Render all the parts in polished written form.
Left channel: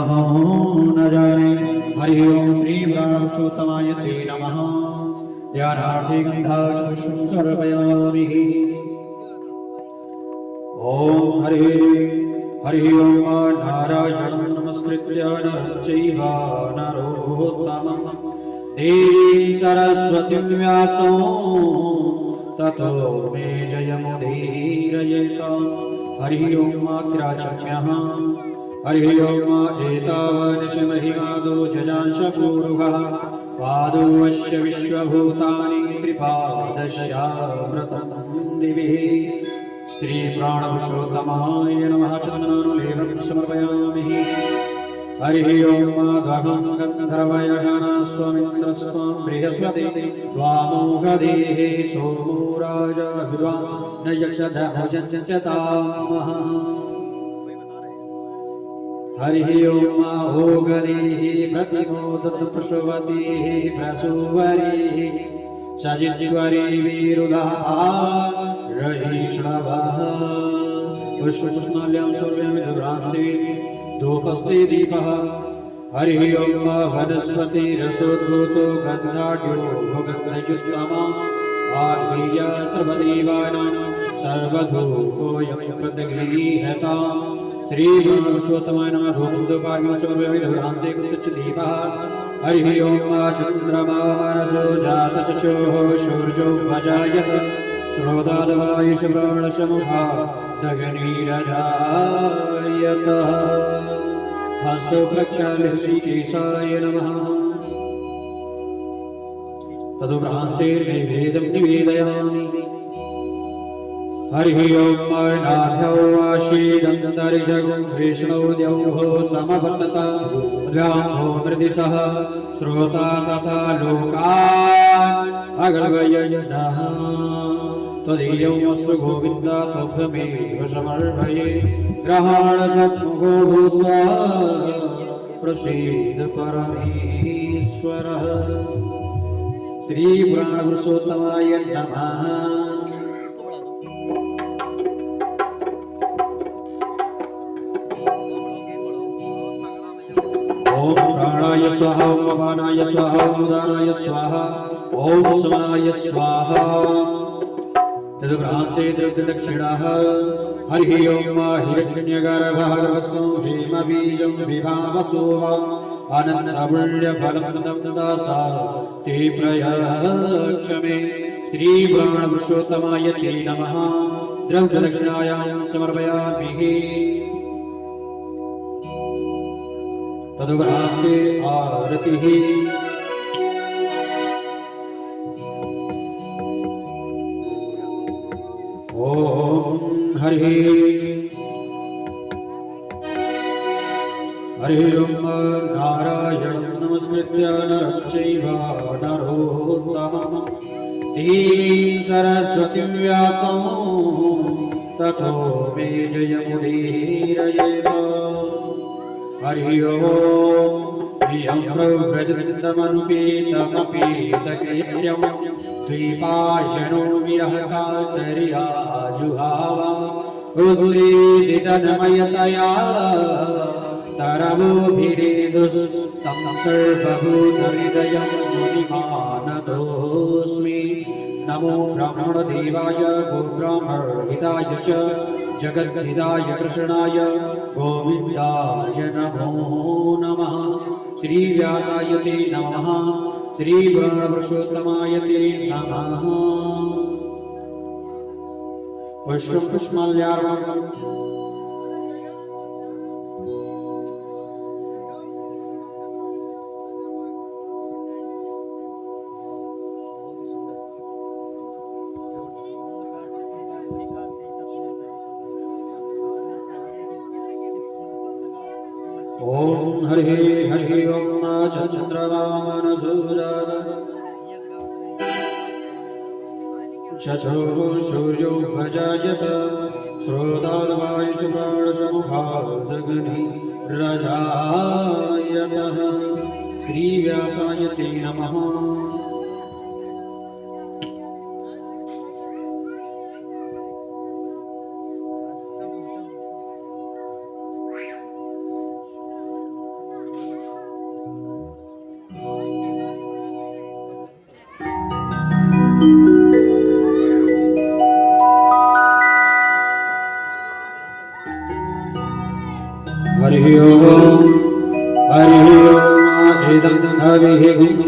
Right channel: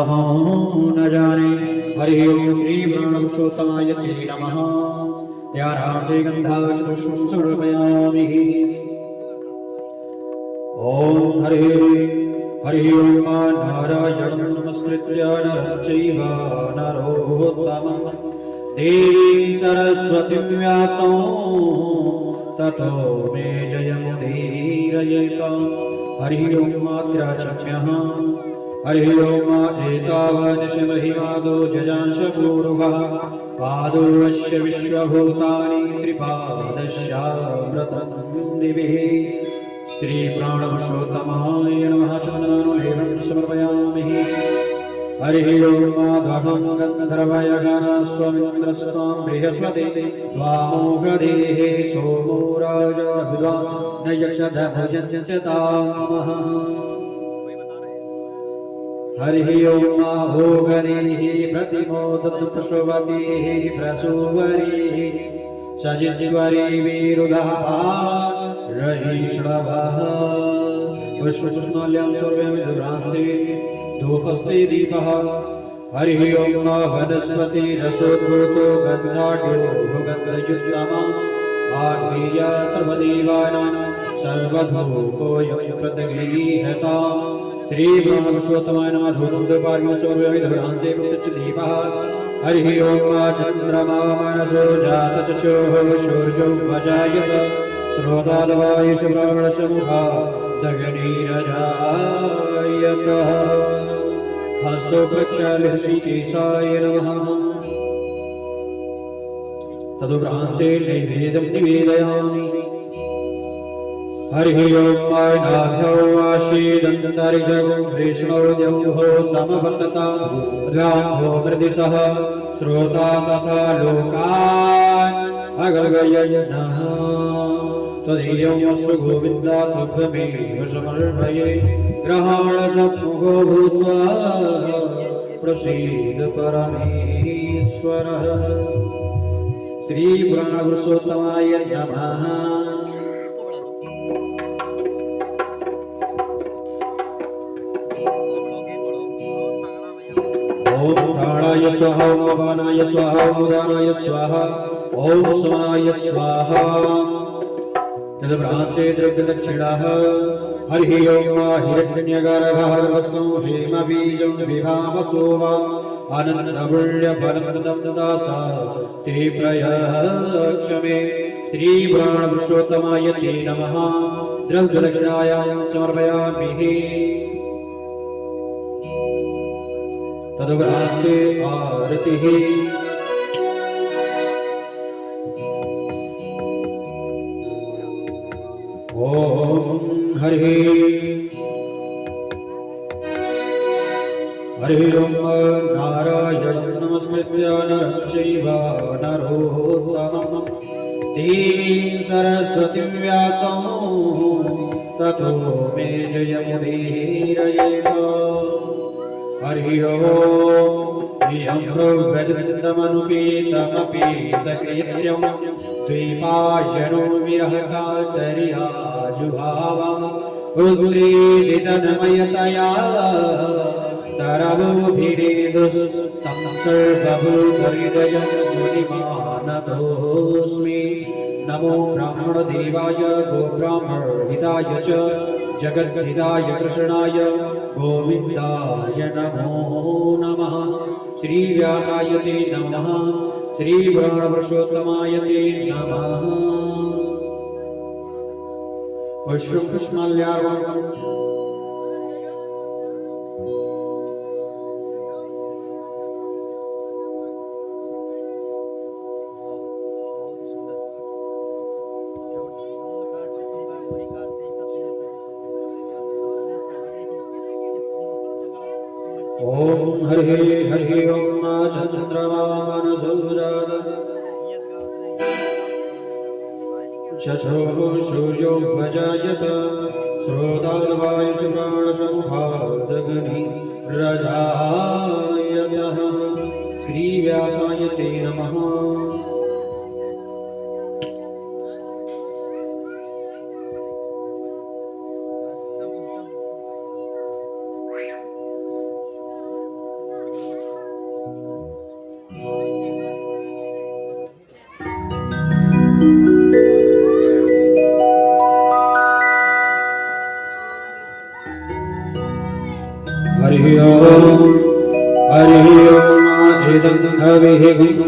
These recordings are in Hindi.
न जाने। हरि ओम श्री प्राणपुरुषोत्तमाय ते नमः। ध्यानार्थे गन्धाचपुष्पं समर्पयामि। ओम हरि ओम नारायणं नमस्कृत्य नरं चैव नरोत्तमं देवीं सरस्वतीं व्यासं ततो मे जयमुदीरयेत। हरि ओम मात्राचम्यः। हरि ओम एतावन्निशमहिमादो जजांशपूरुषः पादोऽस्य विश्वभूतानि त्रिपादस्यामृतं दिवे। श्री प्राणपुरुषोत्तमाय नमः। चन्दनालेपनं समर्पयामि। हरि ओम माधवं गन्धर्वयगणस्वमिन्द्रस्त्वं बृहस्पति वामोघदेः सोमो राजभिवा न यक्षधभजन्त्यतामः। हरि ओम ओगदेः प्रतिमोदतु पुष्पवतीः प्रसूवरीः सजित्वरी विरुधः रहीष्णवः पुष्पपुष्पाल्यां सर्वमिदुरान्ते धूपस्ते दीपः। हरि ओम वनस्पतिरसोद्भूतो गन्धाढ्यो गन्धयुक्तमः आत्मीय सर्वदेवानां सर्वधूपोऽयं प्रतिगृह्यताम्। श्री प्राणपुरुषोत्तमाय नमः। धूपं दीपार्घ्यं सर्वमिदुरान्ते कृतचदीपः। हरि ओम चन्द्रमा मनसो जातचक्षुः सूर्यो भजायत श्रोतादवायुषप्राणसमुखा दगनीरजायतः। हंसो प्रक्षालहृषिकेशाय नमः। तदुपरान्ते नैवेद्यं निवेदयामि। हरि ओम नाभ्यौ आशीदन्तरिजगं कृष्णौ द्यौः समवर्ततां गाम्भो मृदिशः श्रोता तथा लोकान् अगल्गयनः। त्वदीयमस्तु गोविन्द त्वमेव समर्पये। ग्रहाणसम्मुखो भूत्वा प्रसीद परमेश्वरः। श्री प्राणपुरुषोत्तमाय नमः। ओम प्राणाय स्वाहा ओम अपानाय स्वाहा ओम उदानाय स्वाहा ओम समानाय स्वाहा। तदुपरान्ते द्रव्यदक्षिणः। हरि ओम हिरण्यगर्भः हेमबीजं विभावसोमम् अनन्तपुण्यफलं ददासा ते प्रयक्षमे। श्री प्राणपुरुषोत्तमाय ते नमः। द्रव्यदक्षिणायां समर्पयामि। तदुपरान्ते आरतिः। ओम हरि ओम नारायणं नमस्कृत्य नरं चैव नरोत्तमं देवीं सरस्वतीं व्यासं ततो मे जयमुदीरयेत। हरि ओम इयं प्रव्रजन्तमनुपेतमपेतकृत्यं द्वैपायनो विरहकातर्याजुहाव उद्वेदितनमयतया तरवोभिरेदुस्तं सर्वभूतहृदयं मुनिमानतोऽस्मि। नमो ब्राह्मणदेवाय गोब्राह्मणहिताय च जगद्हिताय कृष्णाय गोविन्दाय नमो नमः। श्री व्यासाय ते नमः। श्री प्राणपुरुषोत्तमाय ते नमः। पुष्पं पुष्पमाल्यार्पणम्। ओम हरि ओम चन्द्रमा मनसो जातः चक्षुः सूर्यो भजायत श्रोतावायुषप्राणसमुखा दगनीरजायतः। श्री व्यासाय ते नमः। ओम हरि ओम इदं हविः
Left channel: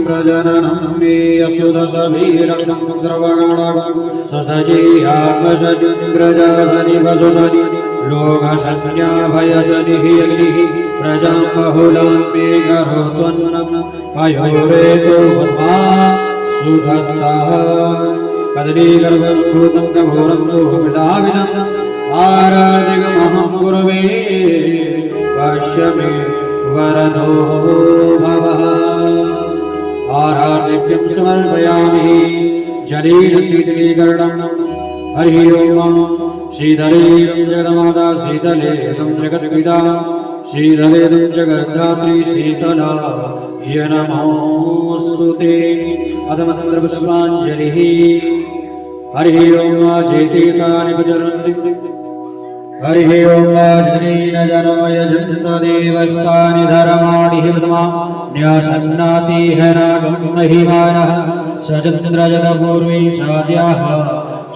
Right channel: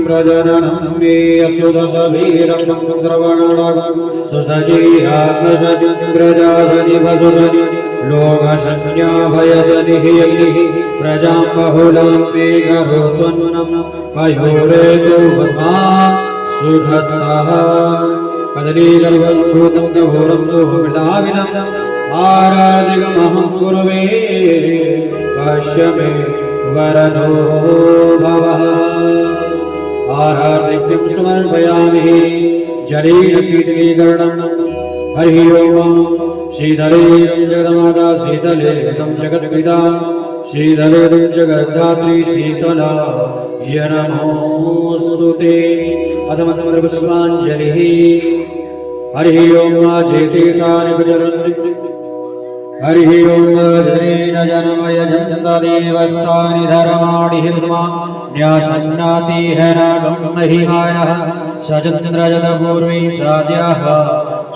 प्रजननं मे असुदसवीरं श्रवणं सुसजीयात्मसजि प्रजासनि वसुसजि लोकसंज्ञाभयसजिः अग्निः प्रजां बहुलां मे करोत्वन्नं पयोरेतो वस्मा सुधत्तः कदलीगर्भूतं कघोरं दुर्वृदाविदम् आराधिकमहं कुर्वे पश्य मे वरदो भवः आराधिक्यं समर्पयामि जलेन शीतलीकरणं हरि ओम शीतलेदं जगन्माता शीतलेदं जगत्पिता शीतलेदं जगद्धात्री शीतला नमोऽस्तुते अधमतमपुष्पाञ्जलिः हरि ओम जेतीर्थानि प्रचरन्ति हरि ओम जनेन जनमय जनतादेवस्तानि धर्माणि हितमा न्यासन्नाति है नागं महिमानः सचन्द्रजतपूर्वी साद्याः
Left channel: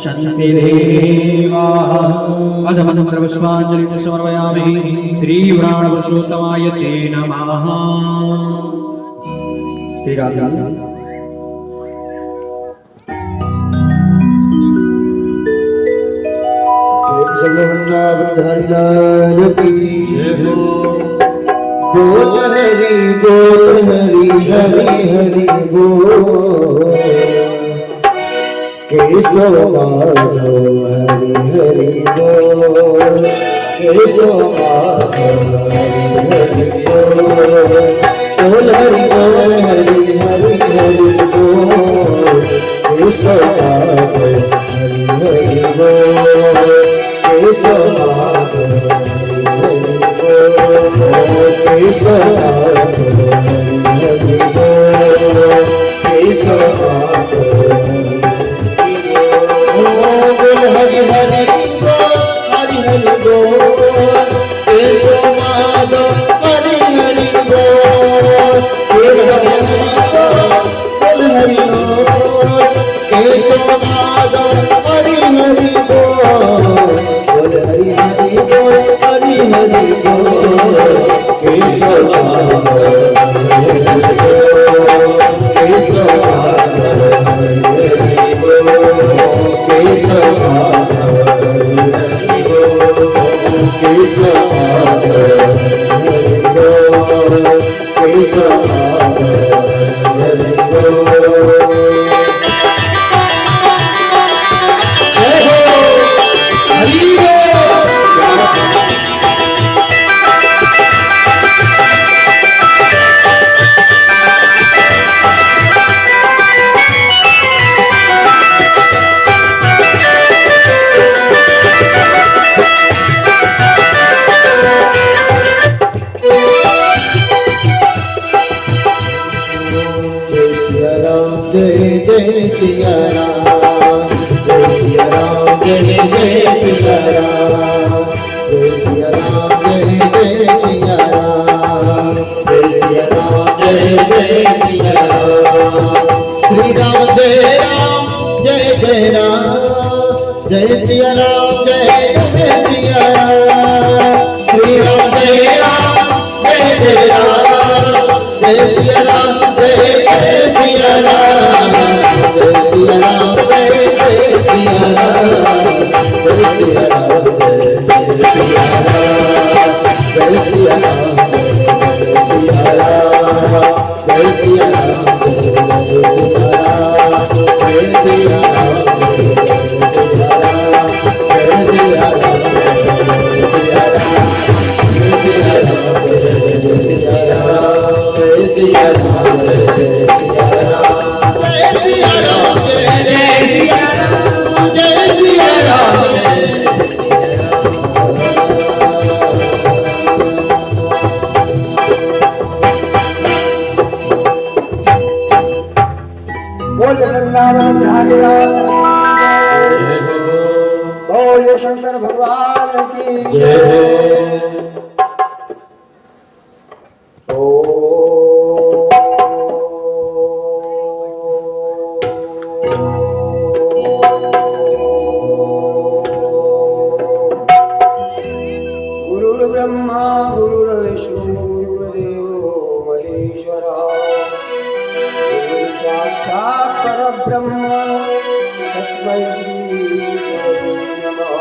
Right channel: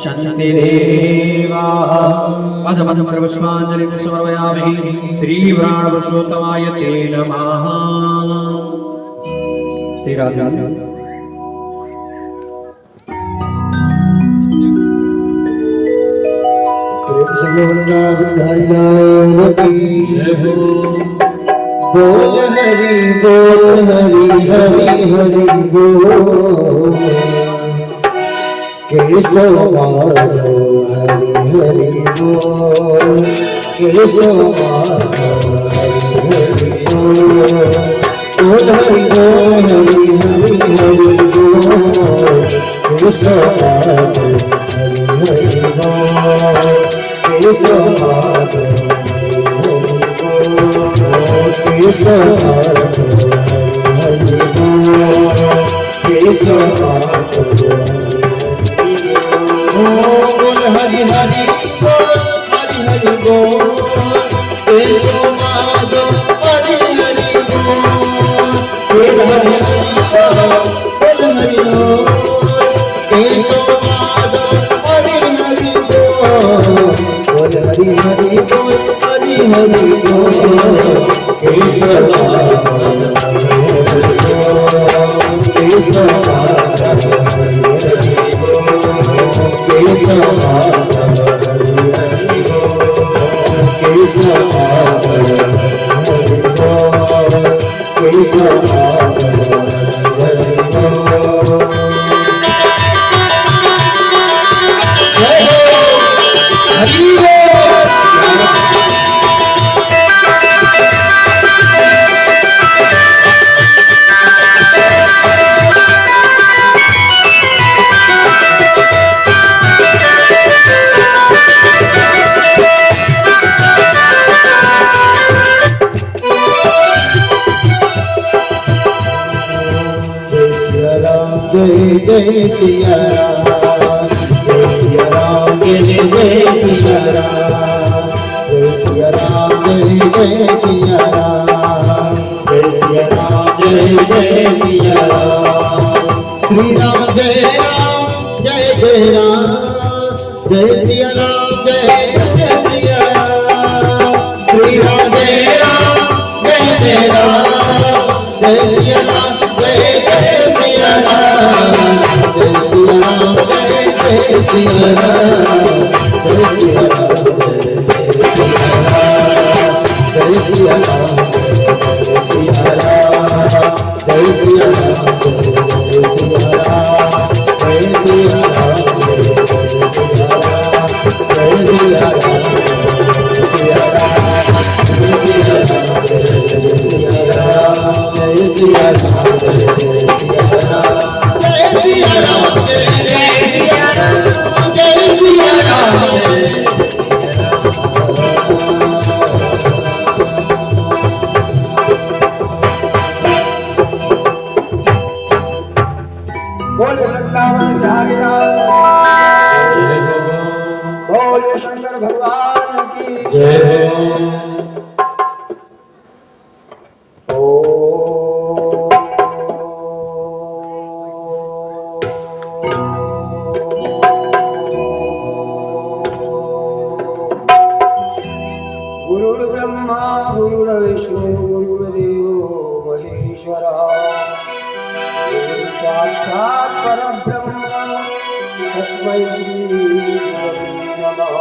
सन्ति देवाः अधमतमपुष्पाञ्जलिं समर्पयामि श्रीप्राणपुरुषोत्तमाय ते नमः श्रीराधे वृंदावन की बोल हरि हरि हरि बोल केशव माधव हरि हरि बोल केशव माधव हरि हरि बोल हरि हरि हरि बोल केशव माधव हरि हरि बोल केशव माधव केशव हरि बोल केशव माधव हरि हरि हरि बोल केशव माधव हरि हरि बोल हरि हरि बोल केशव माधव हरि हरि बोल हरि हरि बोल हरि हरि बोल केशव केशव जय सिया राम जय सिया राम जय सिया राम जय सिया राम जय सिया राम जय सिया राम जय सिया राम श्री राम जय राम जय सिया राम जय सिया राम श्री राम जय राम जय सिया राम जय सिया राम जय सिया राम जय सिया राम जय सिया राम जय सिया राम जय सिया राम जय सिया राम जय सिया राम जय सिया राम जय सिया राम शंकर भगवान की जय। गुरुर्ब्रह्मा गुरुर्विष्णु गुरुर्विष्णुर्देवो महेश्वरः साक्षात् परब्रह्म तस्मै श्री गुरवे नमः।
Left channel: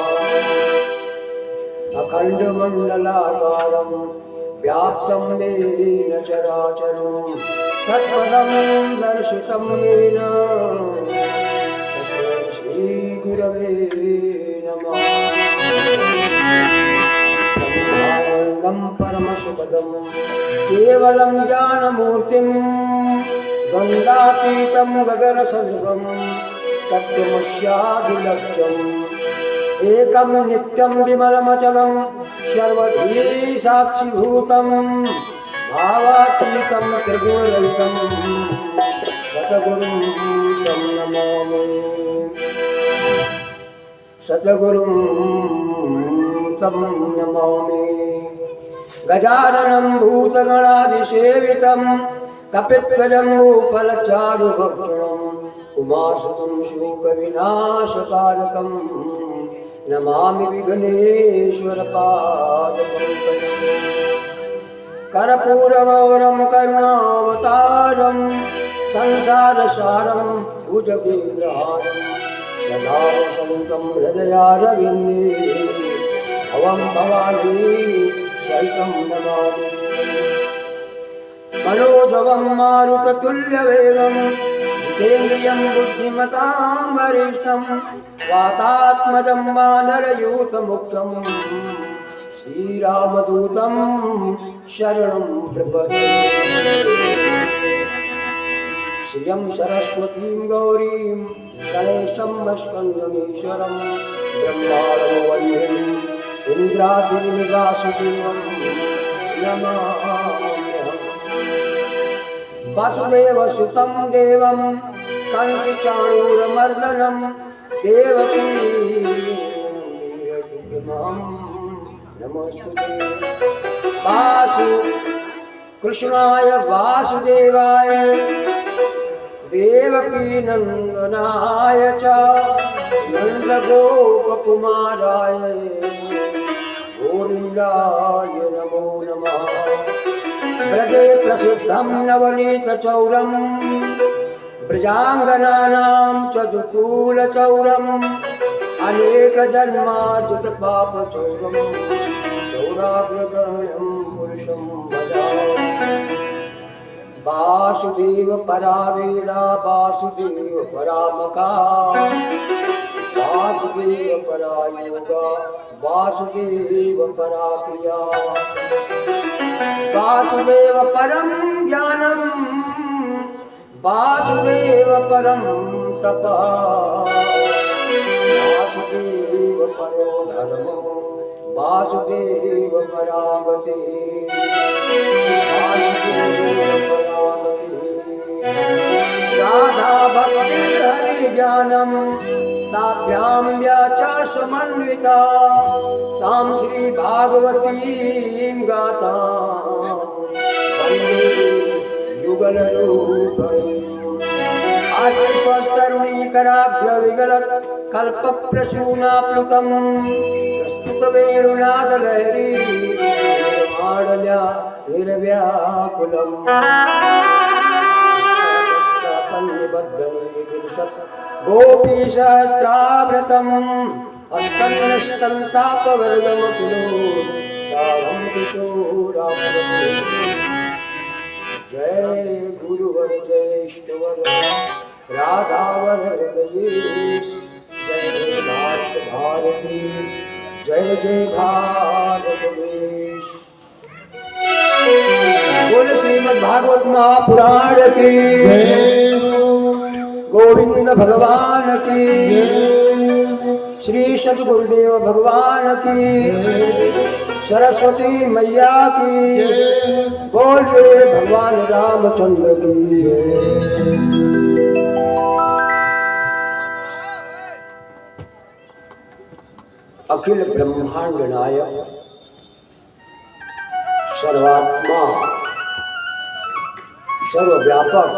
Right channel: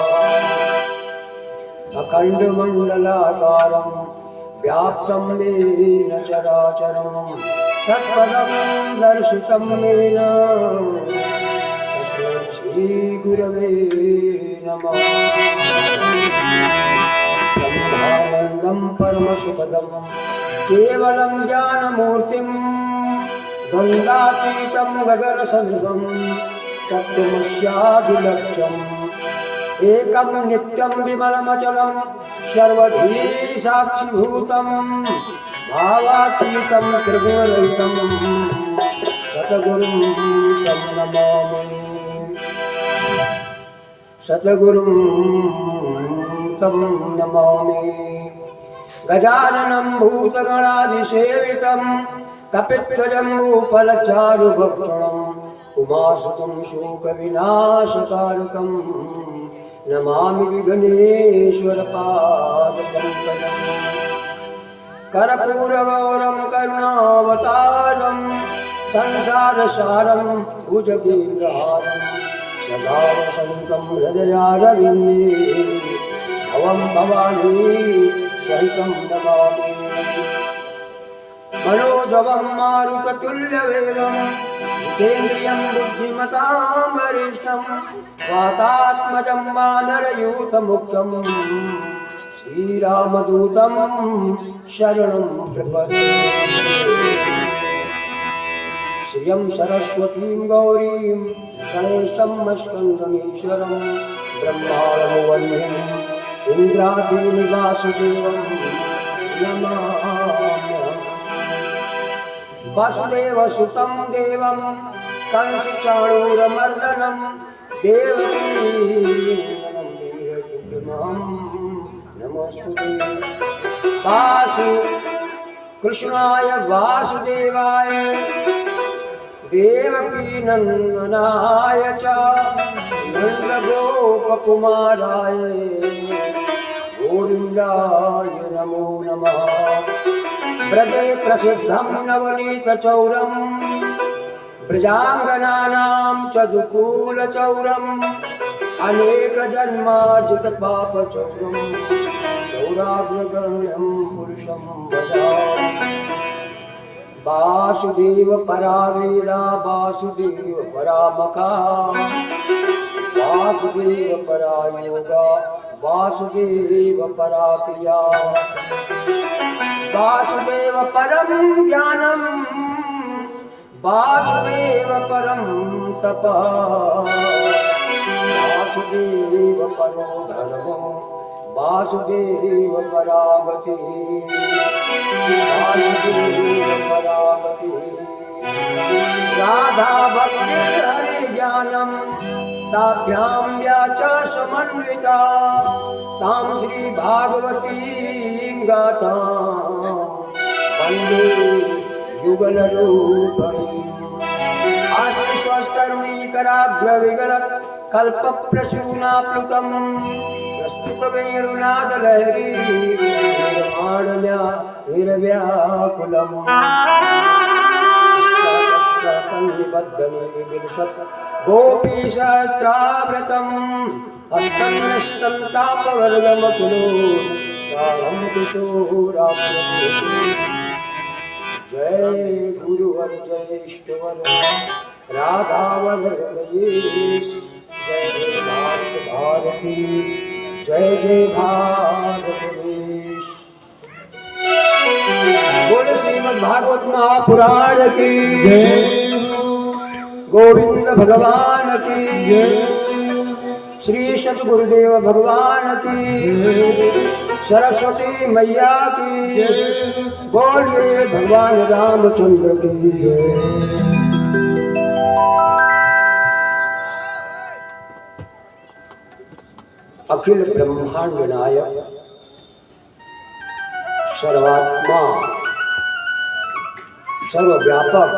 अखण्डमण्डलाकारं व्याप्तं येन चराचरं तत्पदं दर्शितं येन तस्मै श्री गुरवे नमः। ब्रह्मानन्दं परमसुखदं केवलं ज्ञानमूर्तिं द्वन्द्वातीतं गगनसदृशं तत्त्वमस्यादिलक्ष्यम् एकं नित्यं विमलमचलं सर्वधी साक्षिभूतं भावातीतं त्रिगुणरहितं सद्गुरुं तं नमामि। सद्गुरुं तं नमामि। गजाननं भूतगणादिसेवितं कपित्थजम्बूफलचारुभक्षणं उमासुतं शोकविनाशकारकं नमामि विघ्नेश्वरपादपङ्कजं। कर्पूरगौरं करुणावतारं संसारसारं भुजगेन्द्रहारं सदा वसन्तं हृदयारविन्दे भवं भवानी सहितं नमामि। मनोजवं मारुततुल्यवेगं जितेन्द्रियं बुद्धिमतां वरिष्ठं वातात्मजं वानरयूथमुख्यं श्रीरामदूतं शरणं प्रपद्ये। श्रियं सरस्वतीं गौरीं गणेशं स्कन्दमीश्वरं ब्रह्माणं वन्द्यं इन्द्रादिनिवासुदेवं नमाम्यहम्। वासुदेवसुतं देवं कंसचाणूरमर्दनं देवकी नमोस्तुते। वासु कृष्णाय वासुदेवाय देवकी नंदनाय च नन्दगोपकुमाराय गोविन्दाय नमो नमः। ब्रजे प्रसिद्धं नवनीतचौरं ब्रजाङ्गनानां च दुकूलचौरम् अनेकजन्मार्जितपापचौरं चौराग्रगण्यं पुरुषं भजामि। वासुदेव परावेदा वासुदेव परामका वासुदेव परायोगा वासुदेव पराक्रिया वासुदेव परं ज्ञानं वासुदेव परं तपः वासुदेव परो धर्मो वासुदेव परागति वासुदेव परागति। राधा भक्ति हरि ज्ञानं ताभ्यां व्याचा समन्विता तां श्री भागवतीं गाथां वन्दे युगलरूपम्। आश्वस्तरुणीकराभ्यविगलत् कल्पप्रसूनाप्लुतं प्रस्तुतवेणुनादलहरी निर्माणल्या निर्व्याकुलम्। गोपीशस्त्राव्रतं हस्तं निष्ठं तापवर्गमखिलो सारं किशोराप्लुतं। जय गुरुवर जय इष्टवर राधावर हृदयेश जय भारत भारती जय जय भारत देश। बोल श्रीमद् भागवत महापुराण की जय। गोविंद भगवान की जय। श्री सद्गुरुदेव भगवान की सरस्वती मैया की बोलिए भगवान रामचंद्र की जय। अखिल ब्रह्मांड नायक सर्वात्मा सर्वव्यापक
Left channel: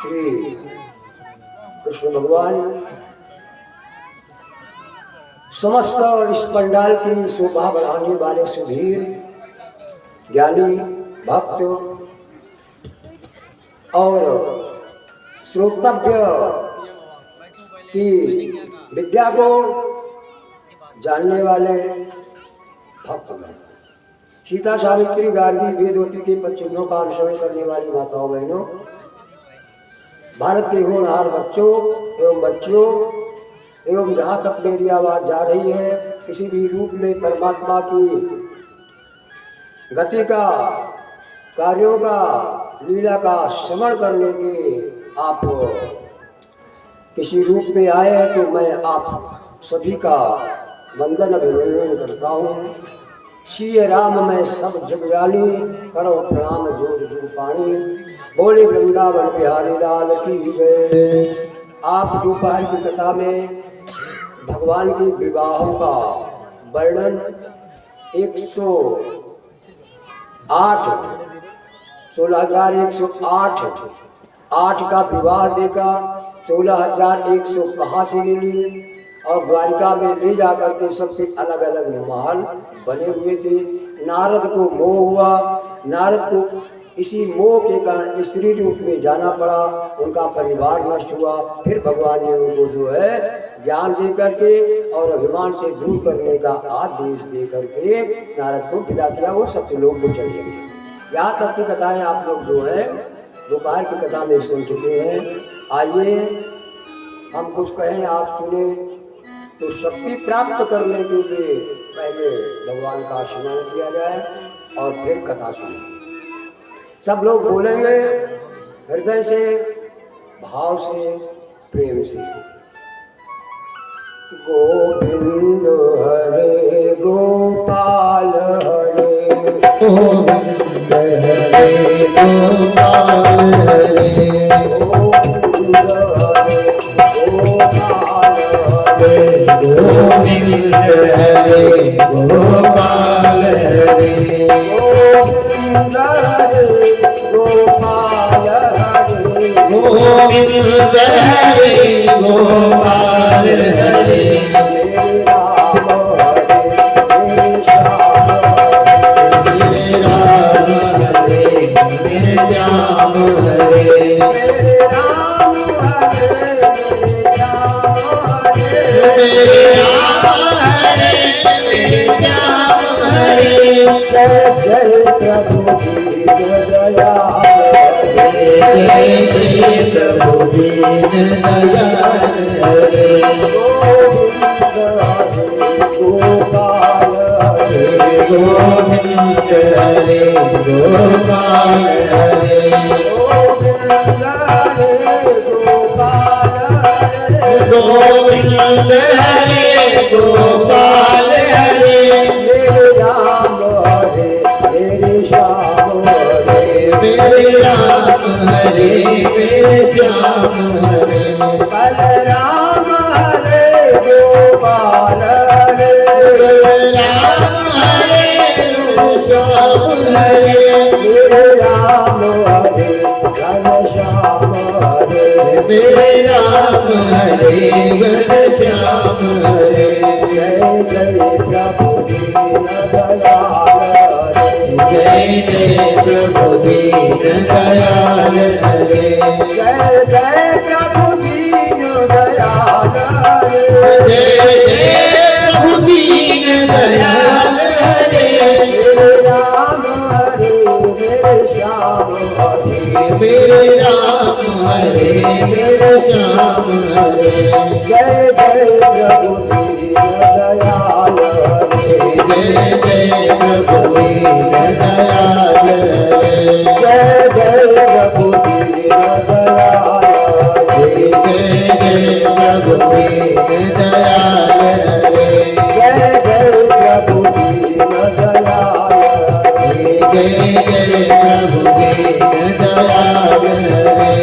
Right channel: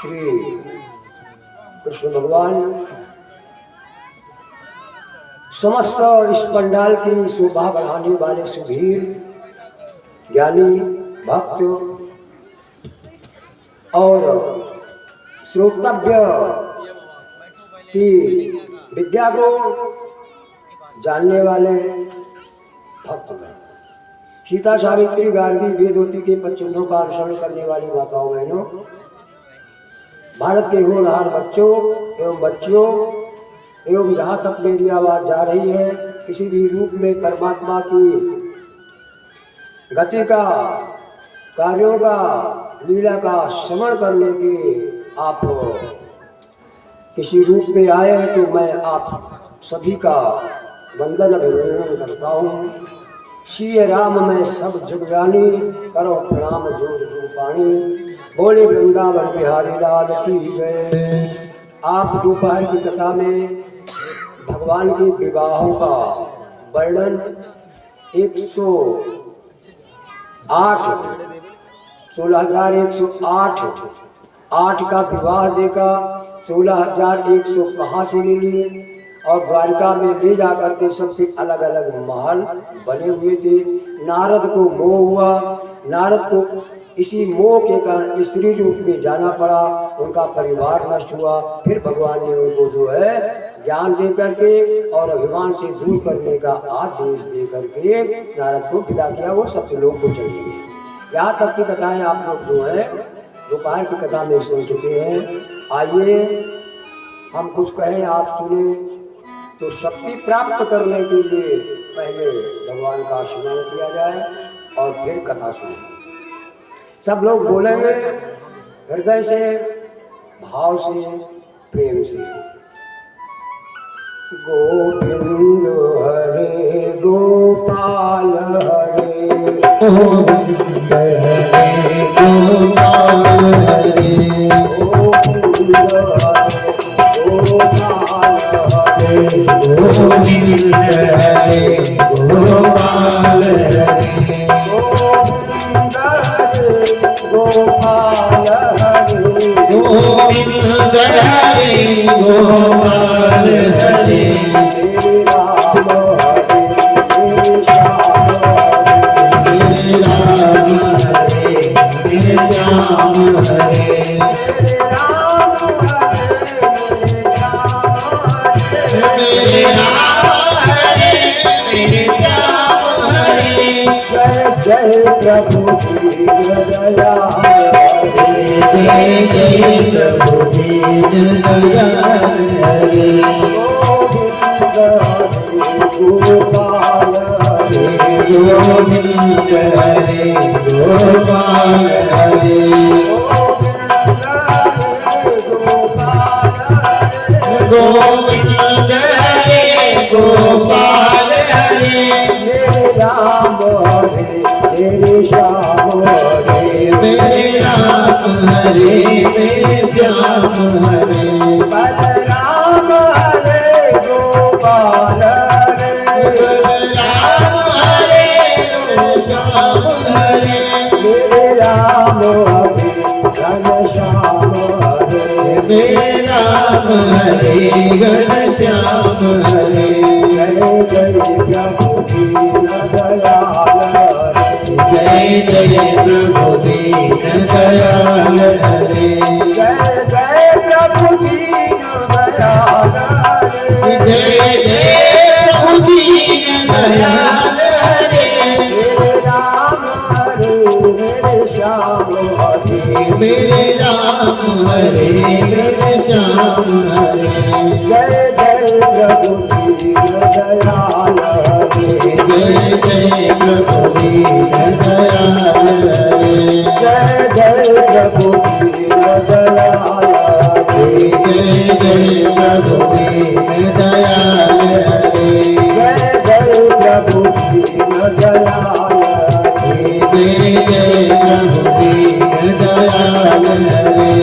श्री कृष्ण भगवान समस्त इस पंडाल की शोभा बढ़ाने वाले सुधीर ज्ञानी भक्त और श्रोतव्य की विद्या को जानने वाले भक्तगण, सीता सावित्री गार्गी वेदवती के पदचिन्हों का अनुसरण करने वाली माताओं बहनों, भारत के होनहार बच्चों एवं बच्चियों एवं जहाँ तक मेरी आवाज़ जा रही है, किसी भी रूप में परमात्मा की गति का, कार्यों का, लीला का श्रवण करने के आप किसी रूप में आए तो मैं आप सभी का वंदन अभिनंदन करता हूँ। श्री राम में सब जग जानी, करो प्रणाम जोड़ जो पानी, बोले वृंदावन बिहारी लाल की जय। आप दोपहर की कथा में भगवान के विवाहों का वर्णन 16,108 का विवाह देगा, 16,100 कहाँ से मिली और द्वारिका में ले जाकर के सबसे अलग अलग महल बने हुए थे। नारद को मोह हुआ, नारद को इसी मोह के कारण स्त्री रूप में जाना पड़ा, उनका परिवार नष्ट हुआ। फिर भगवान ने उनको जो है ज्ञान दे करके और अभिमान से दूर करने का आदेश दे करके नारद को विदा किया, वो सत्यलोक को चले गए। यहाँ तक की कथाएं आप लोग जो है दोपहर की कथा में सुन चुके हैं। आइए हम कुछ कहें, आप सुने, तो शक्ति प्राप्त करने के लिए पहले भगवान का स्मरण किया जाए और फिर कथा सुने। सब लोग बोलेंगे हृदय से, भाव से, प्रेम से। गोविंद हरे गोपाल हरे, गोविंद हरे गोपाल हरे, गोविंद हरे गोपाल हरे, गोविंद हरे गोपाल हरे, गोविंद हरे गोपाल हरे, गोविंद हरे गोपाल हरे, मेरे राम हरे मेरे श्याम हरे, मेरे राम हरे मेरे श्याम हरे, मेरे राम हरे मेरे श्याम हरे, मेरे राम हरे मेरे श्याम हरे। जय जय प्रभु दीन दयाल हरे, जय जय प्रभु दीन दयाल हरे, गोविंद हरे गोपाल हरे, गोविंद हरे गोपाल हरे, गोविंद हरे गोपाल हरे, गोविंद हरे गोपाल हरे, मेरे राम हरे मेरे श्याम हरे, मेरे राम हरे मेरे श्याम हरे, बलराम हरे गोपाल हरे, राम हरे श्याम हरे, मेरे राम हरे घनश्याम हरे, मेरे राम हरे घनश्याम हरे। जय जय प्रभु दीन दयाल हरे, जय जय प्रभु दीन दयाल हरे, जय जय प्रभु दीन दयाल हरे, जय जय प्रभु दीन दयाल हरे, मेरे राम हरे मेरे श्याम हरे, मेरे राम हरे मेरे श्याम हरे, जय जय प्रभु दीन दयाल हरे, जय जय प्रभु दीन दयाल हरे, जय जय प्रभु दीन दयाल हरे, जय जय प्रभु दीन दयाल हरे, जय जय प्रभु दीन दयाल हरे, जय जय प्रभु दीन दयाल हरे,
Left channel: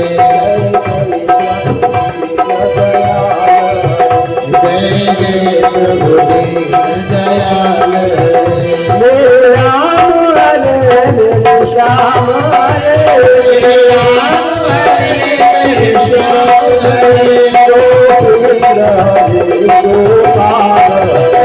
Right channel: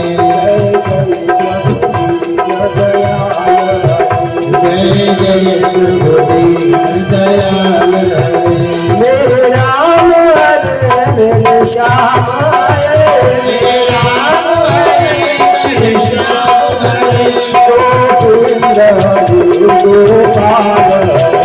जय जय प्रभु दीन दयाल हरे, मेरे राम हरे मेरे श्याम हरे, मेरे राम हरे मेरे श्याम हरे, गोविंद हरे गोपाल हरे,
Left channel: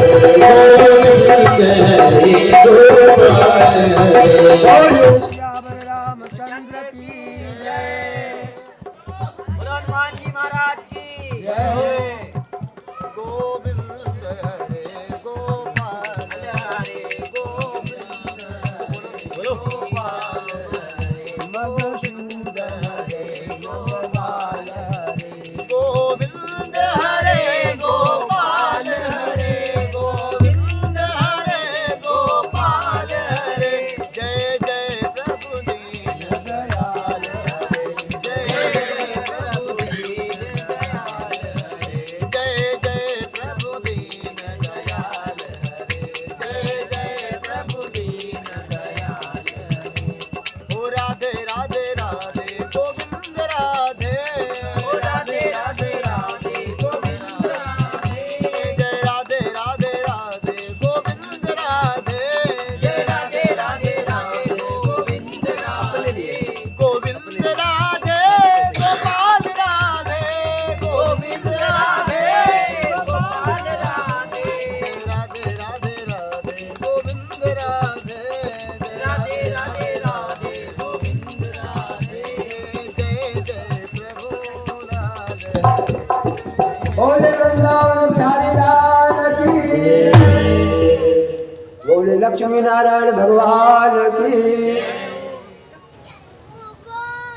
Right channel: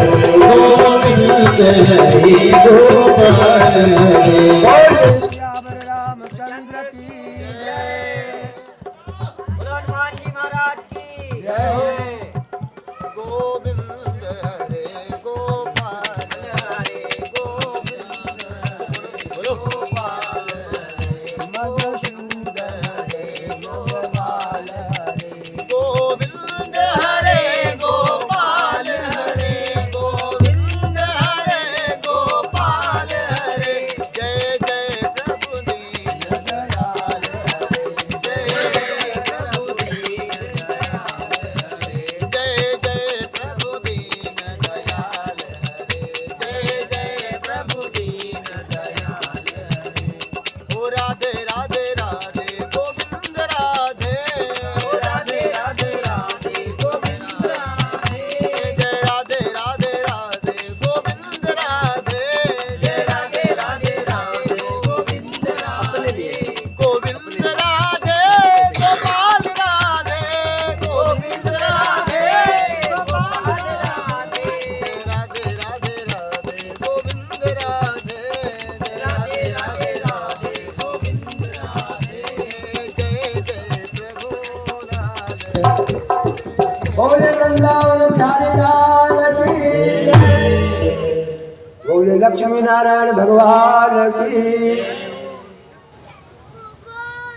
लक्ष्मी नारायण भगवान की।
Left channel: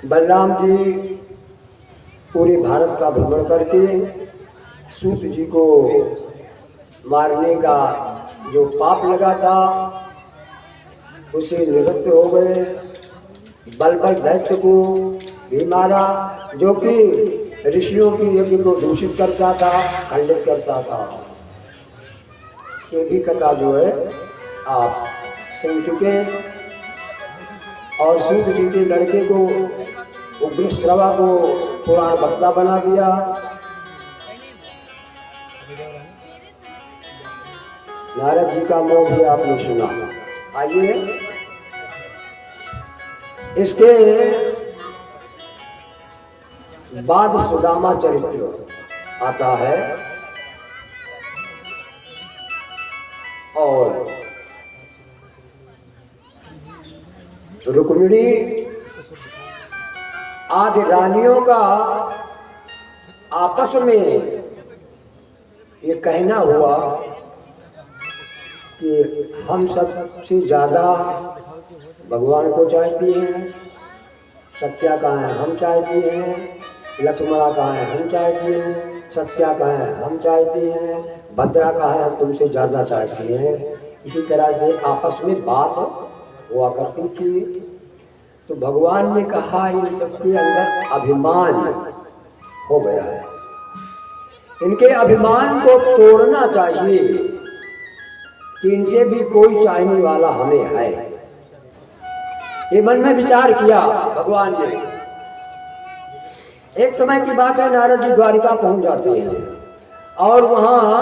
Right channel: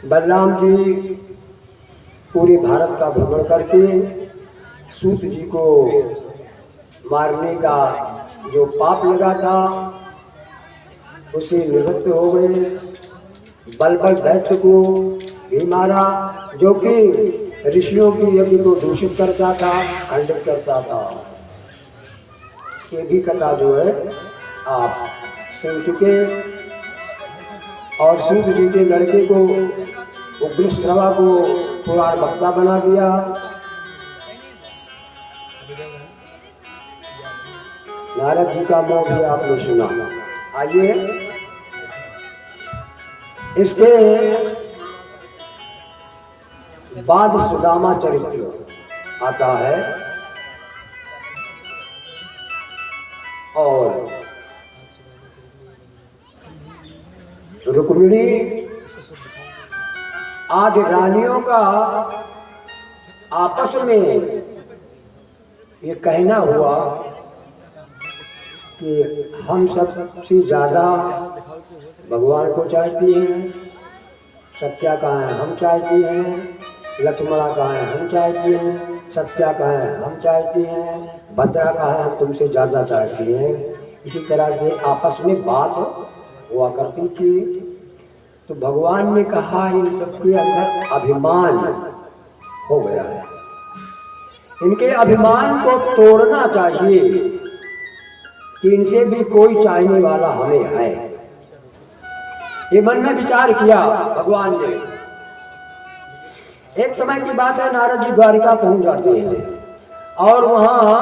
बलराम जी पूरे भारत का भ्रमण करके सूत जी को मारने का जो पाप लगा था उसे निवृत्त हो गए। बलबल दैत्य को भी मारा, जो कि ऋषियों की यज्ञ को दूषित करता था, खंडित करता था। ये भी कथा जो है आप सुन चुके। और सूत जी के लड़के को उग्रश्रवा को पुराण वक्ता बना दिया। नारद जी का मोह भी आपने सुना। आइए इसके बाद सुदामा चरित्र आता है और रुक्मिणी आदि रानियों का आपस में ये कहना हुआ कि हम सबसे ज्यादा भगवान को चाहती हैं, सत्या कहाँ है हम चाहती हैं, लक्ष्मणा कहाँ है हम चाहती हैं, सत्या कहाँ है हम चाहती हैं, भद्रा कहाँ है हम तुमसे ज़्यादा चाहती हैं। इसी तरह से आपस में बात हुआ करती थी। तो भगवान ने कहा इन सबके अंदर अभिमान हो गया है, इनके अभिमान को तोड़ना चाहिए कि इनसे भी कोई चाहने वाला हमें है। ये मन में विचार किया भगवान ने। एक समय की बात है, नारद जी द्वारिका पहुंच जाते हैं और वहां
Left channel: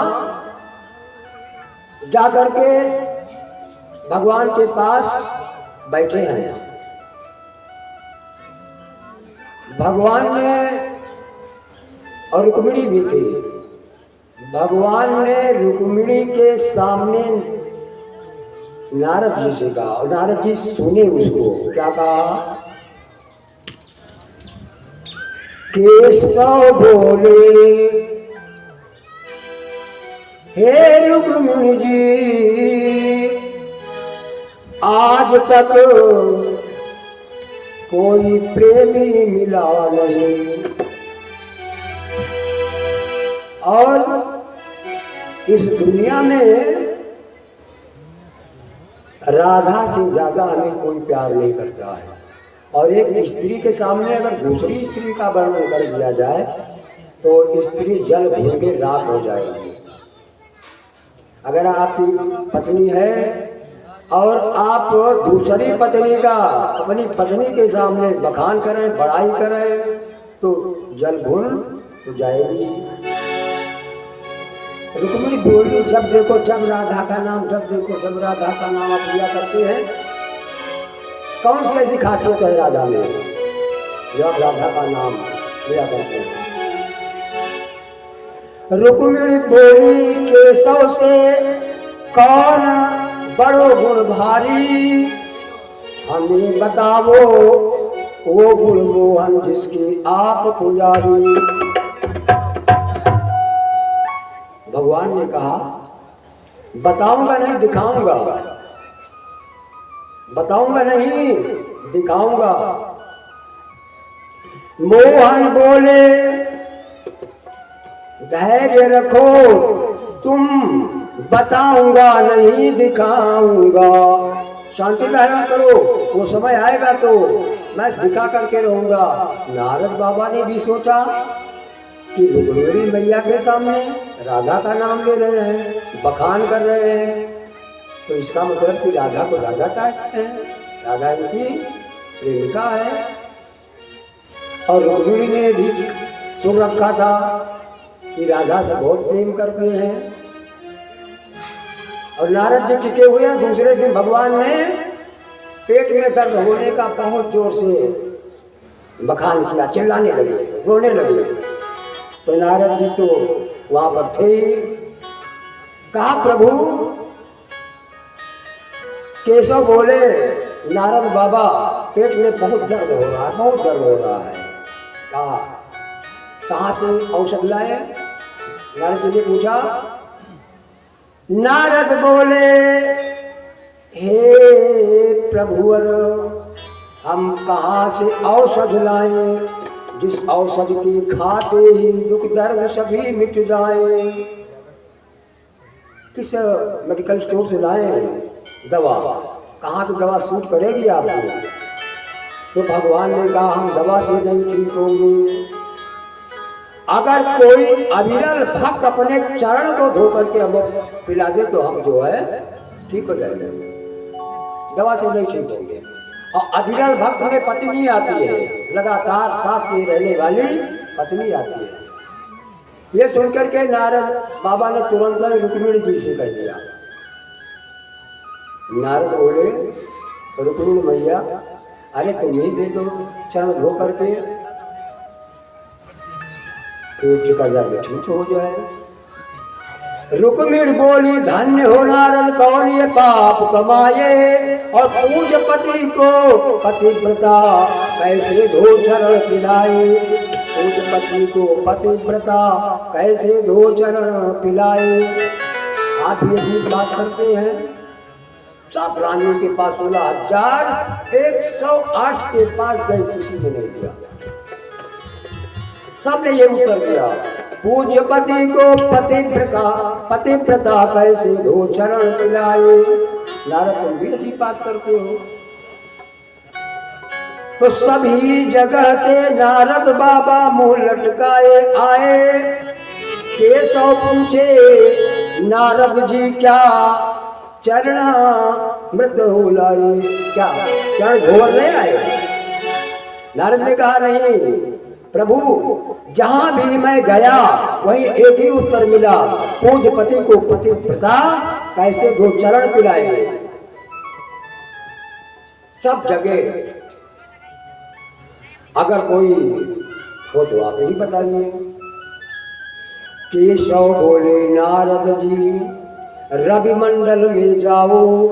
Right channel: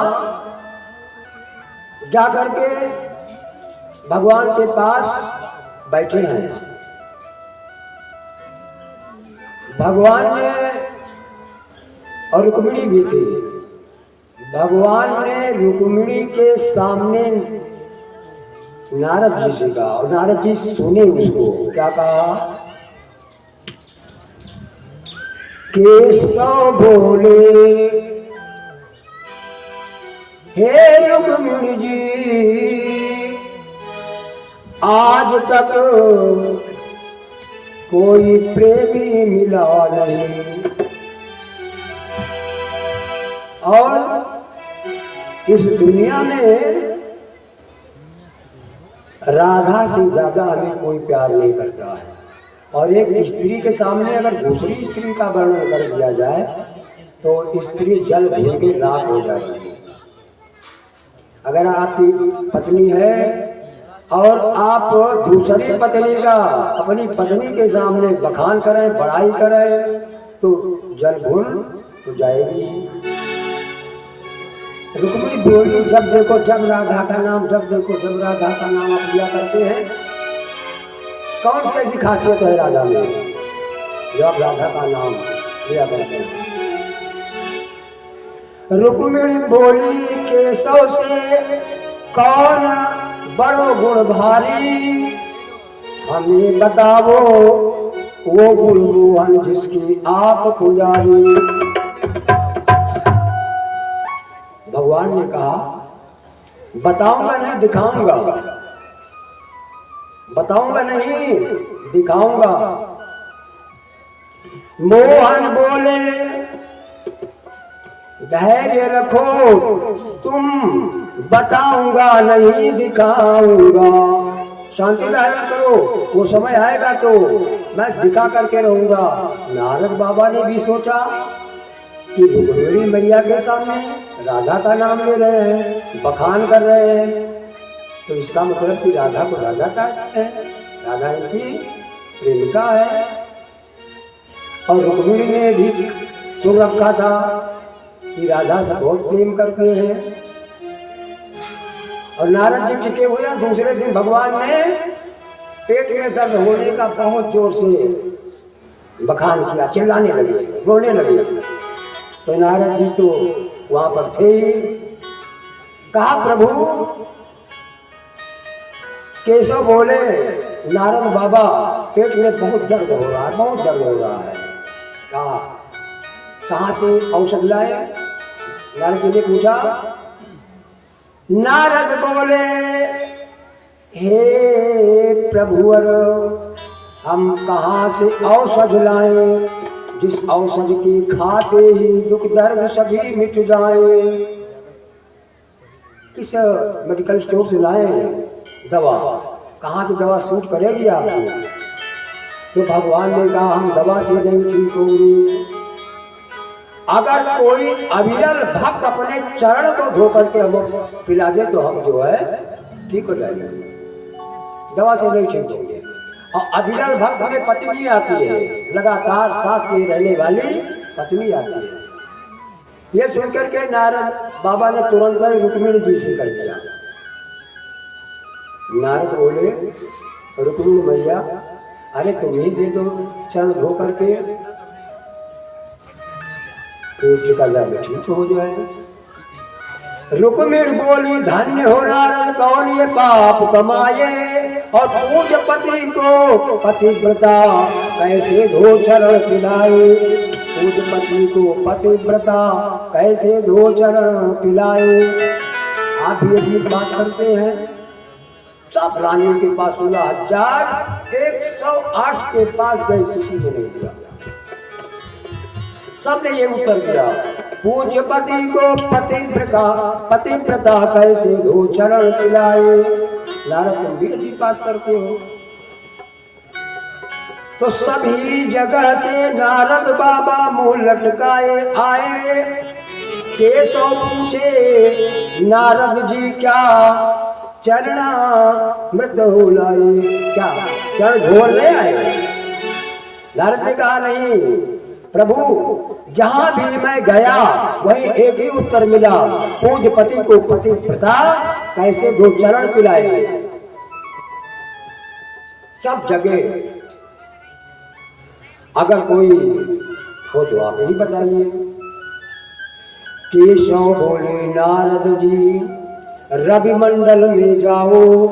जाकर के भगवान के पास बैठे हैं। भगवान ने और रुक्मिणी भी थी। भगवान ने रुक्मिणी के सामने नारद जी से कहा और नारद जी सुने उसको। क्या कहा? केशव बोले हे रुक्मिणी जी, आज तक कोई प्रेमी मिला नहीं और इस दुनिया में राधा से ज्यादा हमें कोई प्यार नहीं करता है। और एक स्त्री के सामने अगर दूसरी स्त्री का वर्णन कर दिया जाए तो स्त्री जल भून के राख हो जाएगी। अगर आपकी पत्नी है और आप दूसरी पत्नी का अपनी पत्नी के सामने बखान करें, बड़ाई करें, तो जल भून तो जाएगी। रुक्मिणी बोली, जब देखो जब राधा का नाम, जब देखो जब राधा का नाम आप लिया करते हैं। कौन सी ऐसी खासियत है राधा में जो आप राधा का नाम लिया करते हैं? रुक्मिणी बोली, केशव से कौन बड़ो गुण भारी, हमें बताओ वो गुण मोहन जिसकी आप पुजारी। भगवान ने कहा बताऊंगा नहीं दिखाऊंगा, बताऊंगा नहीं दिखाऊंगा। मोहन बोले धैर्य रखो तुम, बताऊंगा नहीं दिखाऊंगा। शांति धारण करो, वो समय आएगा तो मैं दिखा करके रहूंगा। नारद बाबा ने भी सोचा कि रुक्मिणी मैया के सामने राधा का नाम ले रहे हैं, बखान कर रहे हैं, तो इसका मतलब कि राधा को राधा चाहते हैं, राधा इनकी प्रेमिका है। और रुक्मिणी ने भी सुन रखा था कि राधा से बहुत प्रेम करते हैं। और नारद जी टिके हुए। दूसरे दिन भगवान ने पेट में दर्द होने का बहुत जोर से बखान किया, चिल्लाने लगे, रोने लगे। तो नारद जी तो वहां पर थे। कहा प्रभु, केशव बोले नारद बाबा पेट में बहुत दर्द हो रहा है, बहुत दर्द हो रहा है। कहा कहाँ से औषध लाए? नारद जी ने पूछा। नारद बोले हे प्रभुवर, हम कहाँ से औषध लाएं, जिस औषध की खाते ही दुख दर्द सभी मिट जाए। किस मेडिकल स्टोर से लाएं दवा, कहाँ की दवा सूट करेगी आपको? तो भगवान ने कहा हम दवा से नहीं ठीक होंगे। अगर कोई अविरल भक्त अपने चरण को धो करके हम पिला दे तो हम जो है ठीक हो जाएंगे, दवा से नहीं ठीक होंगे। और अविरल भक्त में पत्नी आती है, लगातार साथ में रहने वाली पत्नी आती है। ये सुनकर के नारद बाबा ने तुरंत रुक्मिणी जी से कर दिया। नारद बोले रुक्मिणी मैया, अरे तुम ही दे दो चरण धो करके, पेट का दर्द ठीक हो जाए। रुक्मिणी बोली धन्य हो नारद कौन ये पाप कमाए, और पूज पति को पतिव्रता कैसे धो चरण पिलाए। पूज पति को पतिव्रता कैसे धो चरण पिलाए। आप ये भी बात करते हैं। सब रानियों के पास 16,108 के पास गए, किसी ने नहीं दिया। सबने ये उत्तर दिया, पूज्य पति को पतिव्रता कैसे धो चरण पिलाए। नारद तुम भी की बात करते हो। तो सभी जगह से नारद बाबा मुंह लटकाए आए। केशव पूछे नारद जी क्या चरण मृत हो लाए, क्या चरण धोर ले आए? नारद ने कहा नहीं प्रभु, जहां भी मैं गया वहीं एक ही उत्तर मिला, पूज्य पति को पतिव्रता कैसे धो चरण पिलाए। सब जगह अगर कोई हो तो आप ही बताइए। केशव बोले नारद जी रवि मंडल में जाओ,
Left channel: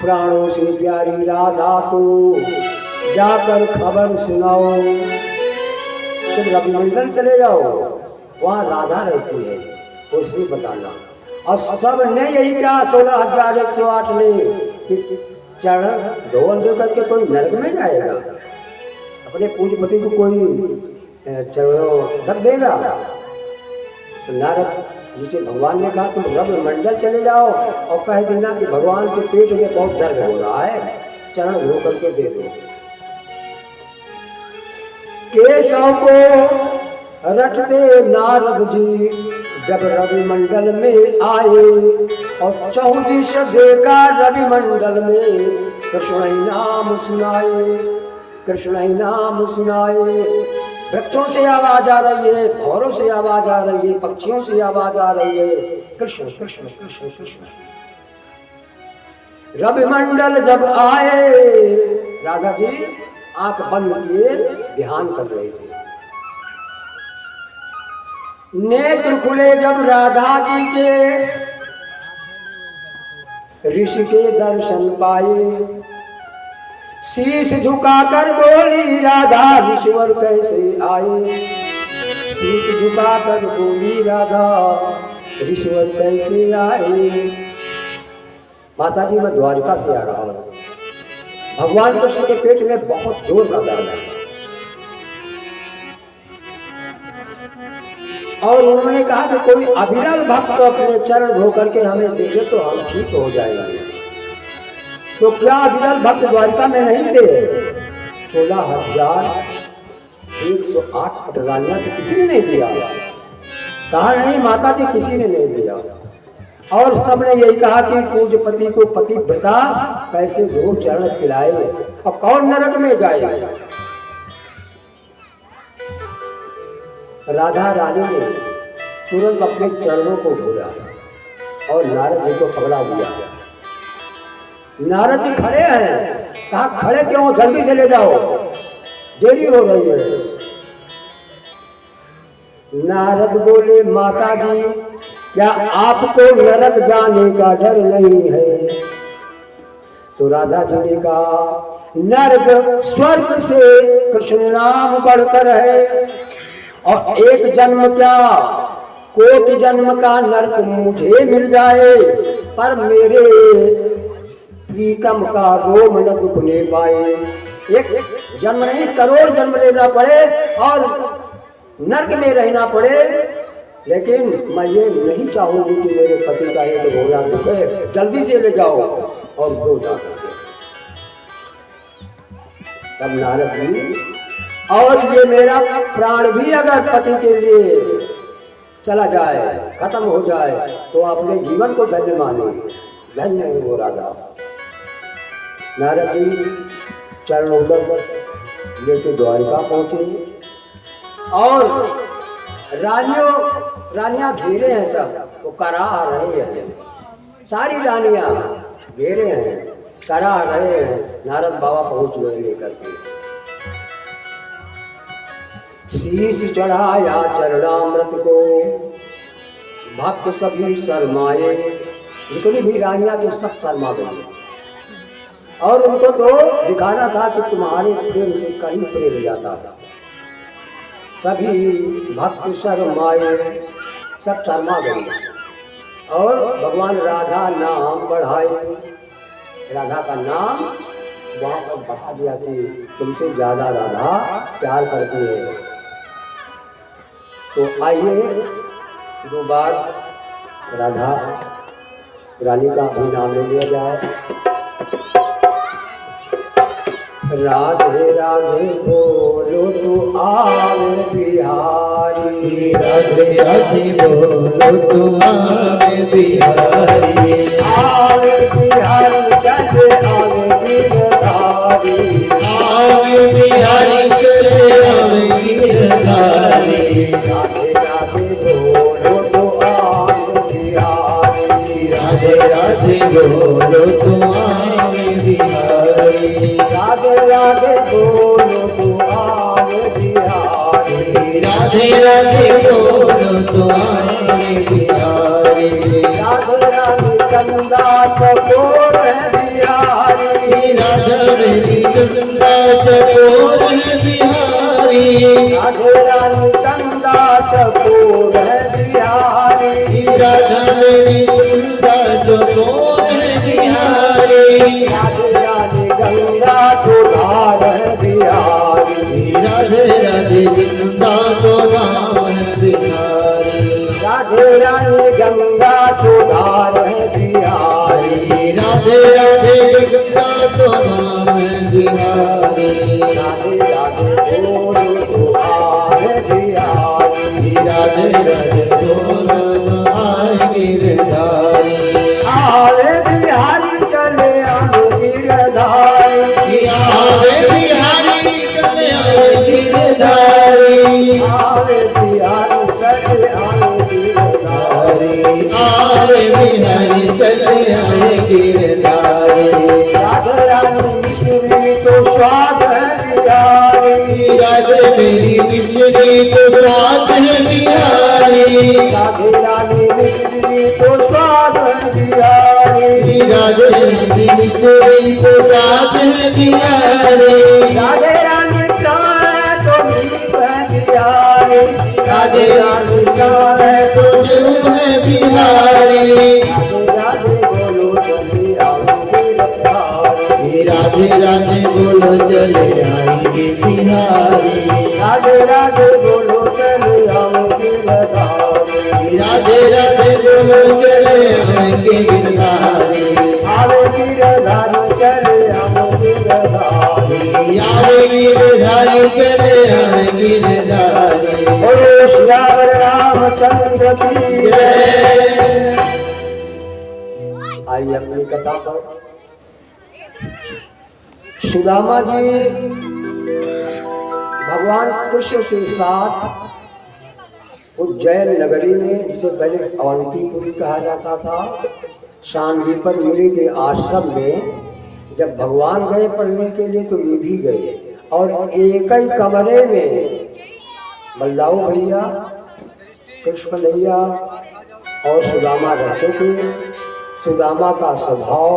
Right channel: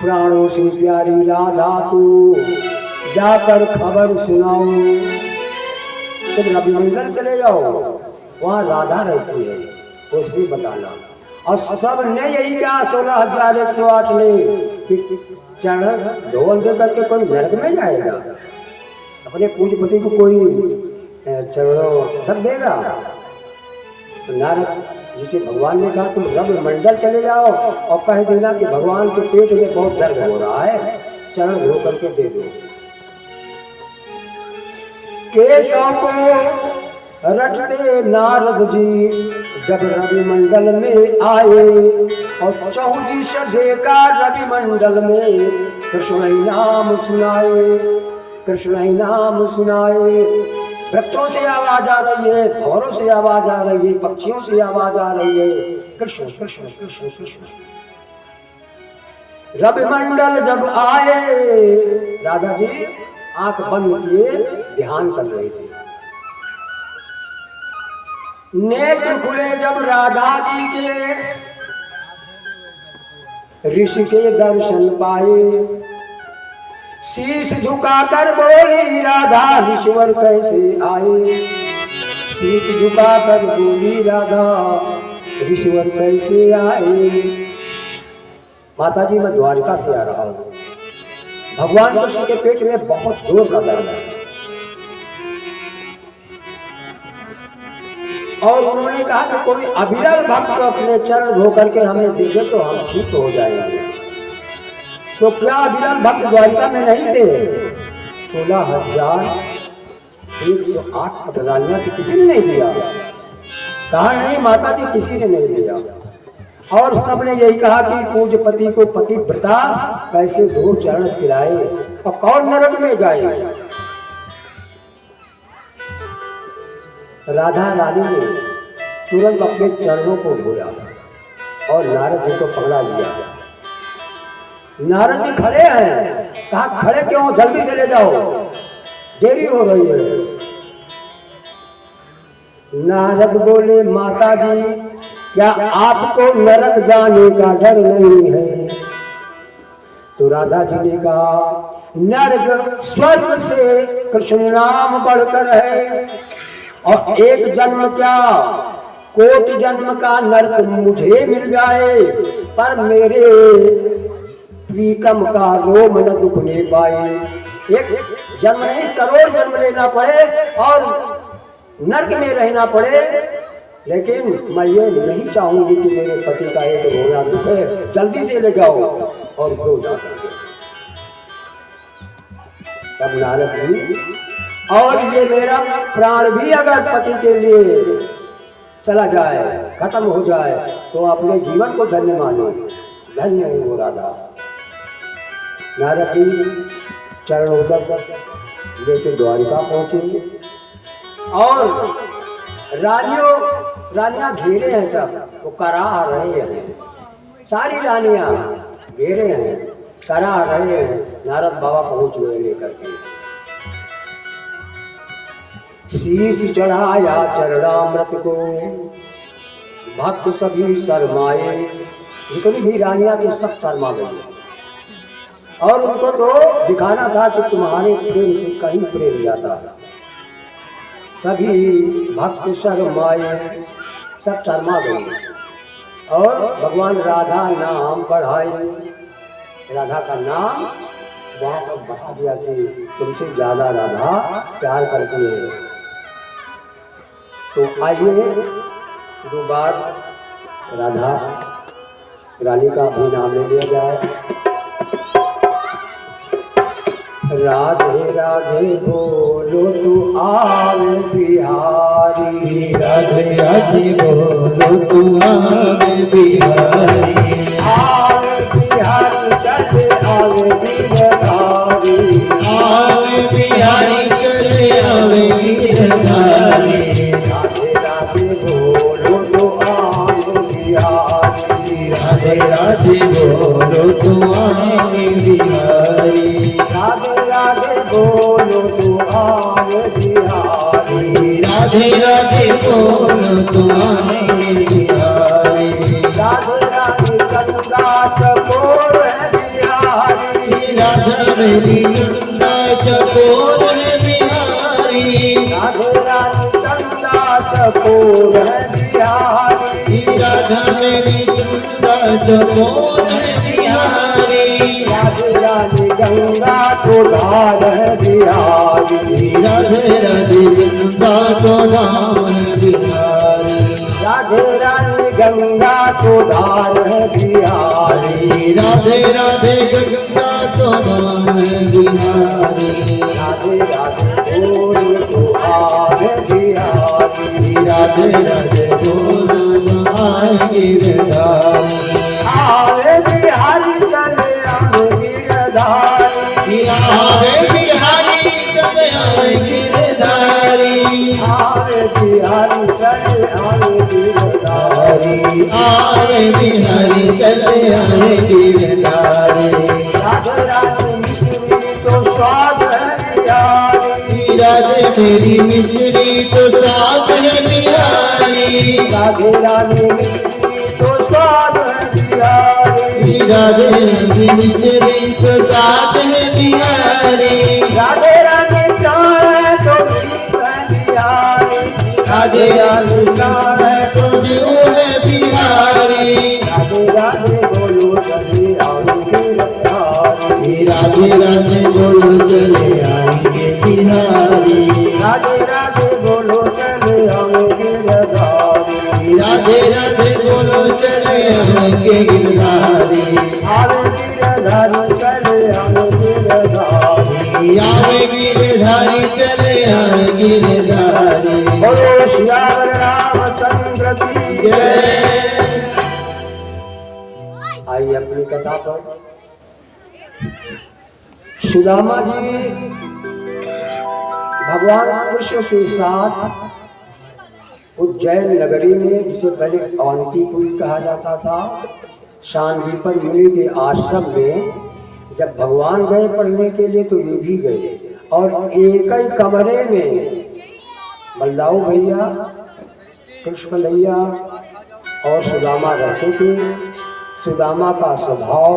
प्राणों से प्यारी राधा को जाकर खबर सुनाओ। तुम रवि मंडल चले जाओ, वहाँ राधा रहती है, उसे बताना। और सब ने यही कहा 16,108 ने चरण ढोल दे करके कोई नरक में जाएगा, अपने पूज्यपति को कोई चरण रख देगा। तो नारद जिसे भगवान ने कहा तुम रवि मंडल चले जाओ और कह देना कि भगवान के पेट में बहुत दर्द हो रहा है, चरण धो करके दे दो। केशव को रटते नारद जी जब रवि मंडल में आए, और 14 देखा रवि मंडल में कृष्ण ही नाम सुनाए, कृष्ण ही नाम सुनाए। वृक्षों से आवाज आ रही है, भौरों से आवाज आ रही है, पक्षियों से आवाज आ रही है, कृष्ण कृष्ण कृष्ण कृष्ण। रवि मंडल जब आए, राधा जी आंख बंद किए ध्यान कर रहे थे। नेत्र खुले जब राधा जी के, ऋषि के दर्शन पाए। शीश झुकाकर बोली राधा ईश्वर कैसे आए। शीश झुकाकर बोली राधा ईश्वर कैसे आए। माता जी मैं द्वारका से आ रहा हूँ, भगवान कृष्ण के पेट में बहुत जोर का दर्द है, और उन्होंने कहा कि कोई अविरल भक्त को अपने चरण धो करके हमें दे दे तो हम ठीक हो जाएंगे। तो क्या अविरल भक्त द्वारका में नहीं थे? 16,108 पटरानियां तो किसी ने नहीं दिया। कहा नहीं माता जी किसी ने नहीं दिया। और सबने यही कहा कि पूज्य पति को पतिव्रता कैसे धो चरण पिलाए, और कौन नरक में जाए। राधा रानी ने तुरंत अपने चरणों को धोया और नारद जी को पकड़ा लिया। नारद जी खड़े हैं, कहा खड़े क्यों, जल्दी से ले जाओ, देरी हो रही है। नारद बोले माता जी क्या आपको नरक जाने का डर नहीं है? तो राधा जी ने कहा नरक स्वर्ग से कृष्ण नाम बढ़कर है, और एक जन्म क्या कोटि जन्म का नरक मुझे मिल जाए, पर मेरे प्रीतम का रोम न दुखने पाए। एक जन्म नहीं, करोड़ जन्म लेना पड़े और नर्क में रहना पड़े, लेकिन मैं ये नहीं चाहूंगी कि मेरे पति का एक रोना दुखे, जल्दी से ले जाओ और दो जाकर के। तब नारद जी, और ये मेरा प्राण भी अगर पति के लिए चला जाए, खत्म हो जाए, तो अपने जीवन को धन्य मानो, धन्य है वो राधा। नारद जी चरणोदक लेके द्वारिका पहुंचे और रानियां घेरे हैं, सब वो करा रहे हैं, सारी रानियां घेरे हैं, करा रहे हैं। नारद बाबा पहुंच गए लेकर के, शीश चढ़ाया चरणामृत को, भक्त सभी शर्माए। जितनी भी रानियां थी सब शर्मा गई और उनको तो दिखाना था कि तुम्हारे प्रेम से कहीं प्रेम जाता है। सभी भक्त शर्माए, सब शर्मा गई और भगवान राधा नाम बढ़ाए। राधा का नाम वहाँ पर बढ़ा दिया कि तुमसे ज्यादा राधा प्यार करती है। तो आइए दो बार राधा रानी का भी नाम ले लिया जाए। राधे राधे बोलो तू आवे बिहारी, राधे राधे बोलो तू आवे बिहारी, आवे बिहारी चल आवे गिरधारी, आवे बिहारी चले आवे गिरधारी। राधे राधे बोलो तू आवे बिहारी, राधे राधे बोलो तू आवे बिहारी, राधे राधे बोलो तू आवे बिहारी, राधे राधे बोलो तू आवे बिहारी, राधे राधे चंदा चकोर है बिहारी, राधा मेरी चंदा चकोर है बिहारी, राधे राधे चंदा चकोर है बिहारी, राधा मेरी चंदा चकोर है बिहारी, राधे राधे गंगा को धार है बिहारी, राधे राधे चंदा तो नाम बिहारी, राधे राधे गंगा को धार है बिहारी, राधे राधे गंगा तो नाम बिहारी, राधे राधे बोलो तो आवे बिहारी, राधे राधे बोलो आए गिरधारी, आवे बिहारी चले आवे गिरधारी, आवे बिहारी चले आवे गिरधारी, आवे बिहारी चले आवे गिरधारी, आवे बिहारी चले आवे गिरधारी, राधे रानी मिश्री तो स्वाद है बिहारी, राधे मेरी मिश्री तो साथ है बिहारी, राधे रानी मिश्री तो स्वाद है बिहारी, राधे मेरी मिश्री तो साथ है बिहारी, राधे रानी चाहे तो मीत है बिहारी, राधे राधे का है तो जो है बिहारी, राधे राधे बोलो चले आएंगे बिहारी, राधे राधे बोलो चले आएंगे बिहारी, राधे राधे बोलो चले आएंगे बिहारी, राधे राधे बोलो चले आएंगे गिरधारी, आवे गिरधारी चले आएंगे बिहारी, आवे गिरधारी चले आए गिरधारी। बोलो श्याम रामचंद्र की जय। आइए अपनी कथा पर। सुदामा जी भगवान कृष्ण के साथ उज्जैन नगरी में, जिसे पहले अवंतीपुरी कहा जाता था, शांतिपर मुनि के आश्रम में जब भगवान गए पढ़ने के लिए तो ये भी गए, और एक ही कमरे में बलदाऊ भैया, कृष्ण भैया और सुदामा रहते थे। सुदामा का स्वभाव,